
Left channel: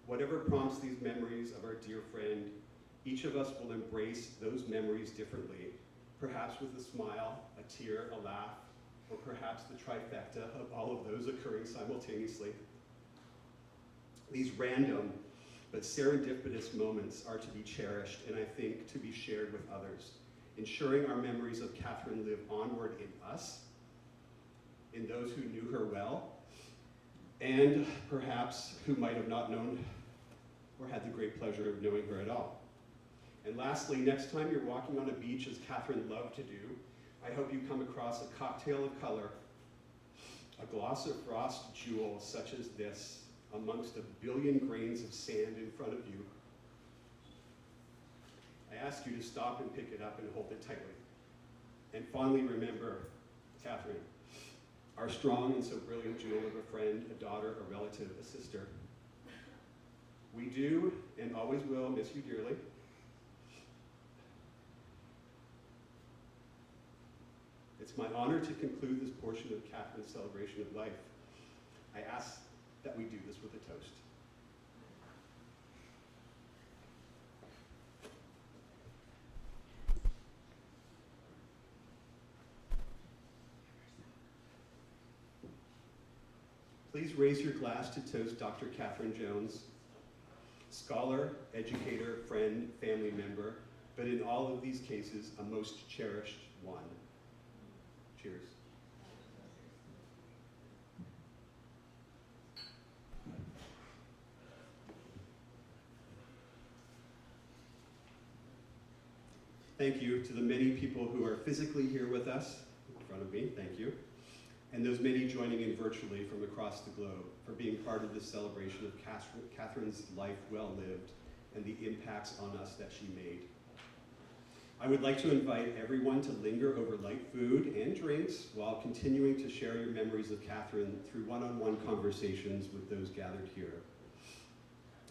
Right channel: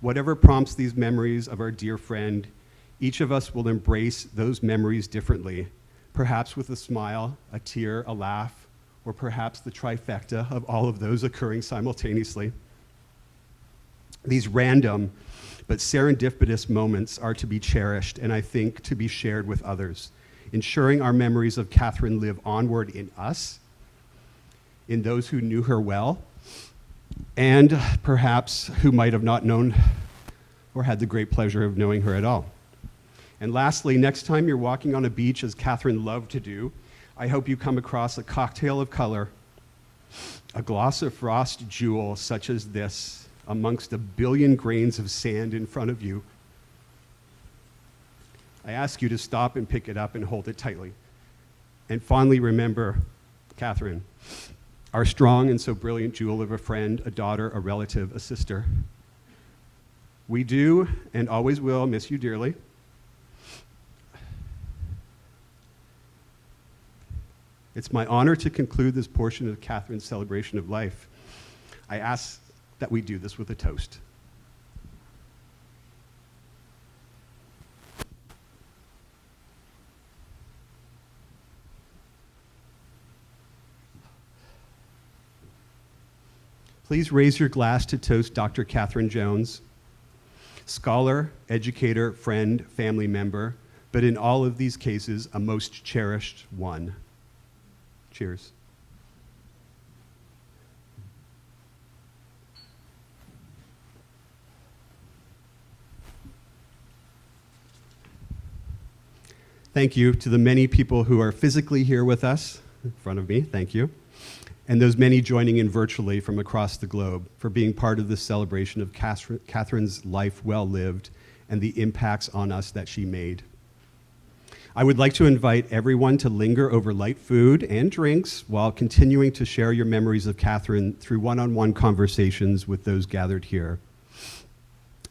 Whatever prompts these memories of our dear friend, each of us will embrace those memories differently, perhaps with a smile, a tear, a laugh, or perhaps the trifecta of all of those occurring simultaneously. These random but serendipitous moments are to be cherished and I think to be shared with others, ensuring our memories of Katherine live onward in us, in those who knew her well, and perhaps who might have not known or had the great pleasure of knowing her at all. And lastly, next time you're walking on a beach, as Katherine loved to do, I hope you come across a cocktail of color, a gloss of frost jewel such as this, amongst a billion grains of sand in front of you. I ask you to stop and pick it up and hold it tightly. And fondly remember Katherine, our strong and so brilliant jewel of a friend, a daughter, a relative, a sister. We do and always will miss you dearly. It's my honor to conclude this portion of Katherine's celebration of life. I ask that we do this with a toast. Please raise your glass to toast Dr. Katherine Jones, scholar, educator, friend, family member, but in all of these cases, a most cherished one. Cheers. Thank you to the many people who are physically here with us in front of me, thank you, and those many joining in virtually from across the globe for being part of this celebration of Katherine's life well lived and the impacts on us that she made. I would like to invite everyone to linger over light food and drinks while continuing to share your memories of Katherine through one-on-one conversations with those gathered here.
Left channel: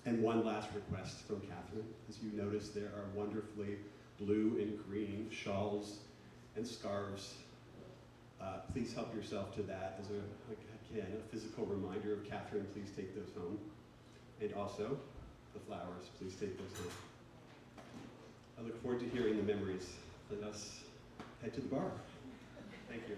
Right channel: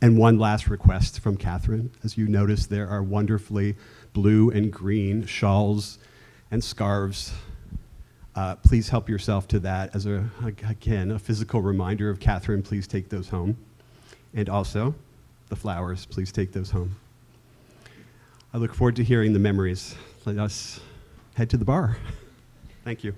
And one last request from Katherine. As you notice, there are wonderfully blue and green shawls and scarves. Please help yourself to that as, again, a physical reminder of Katherine. Please take those home. And also, the flowers, please take those home. I look forward to hearing the memories. Let us head to the bar. Thank you.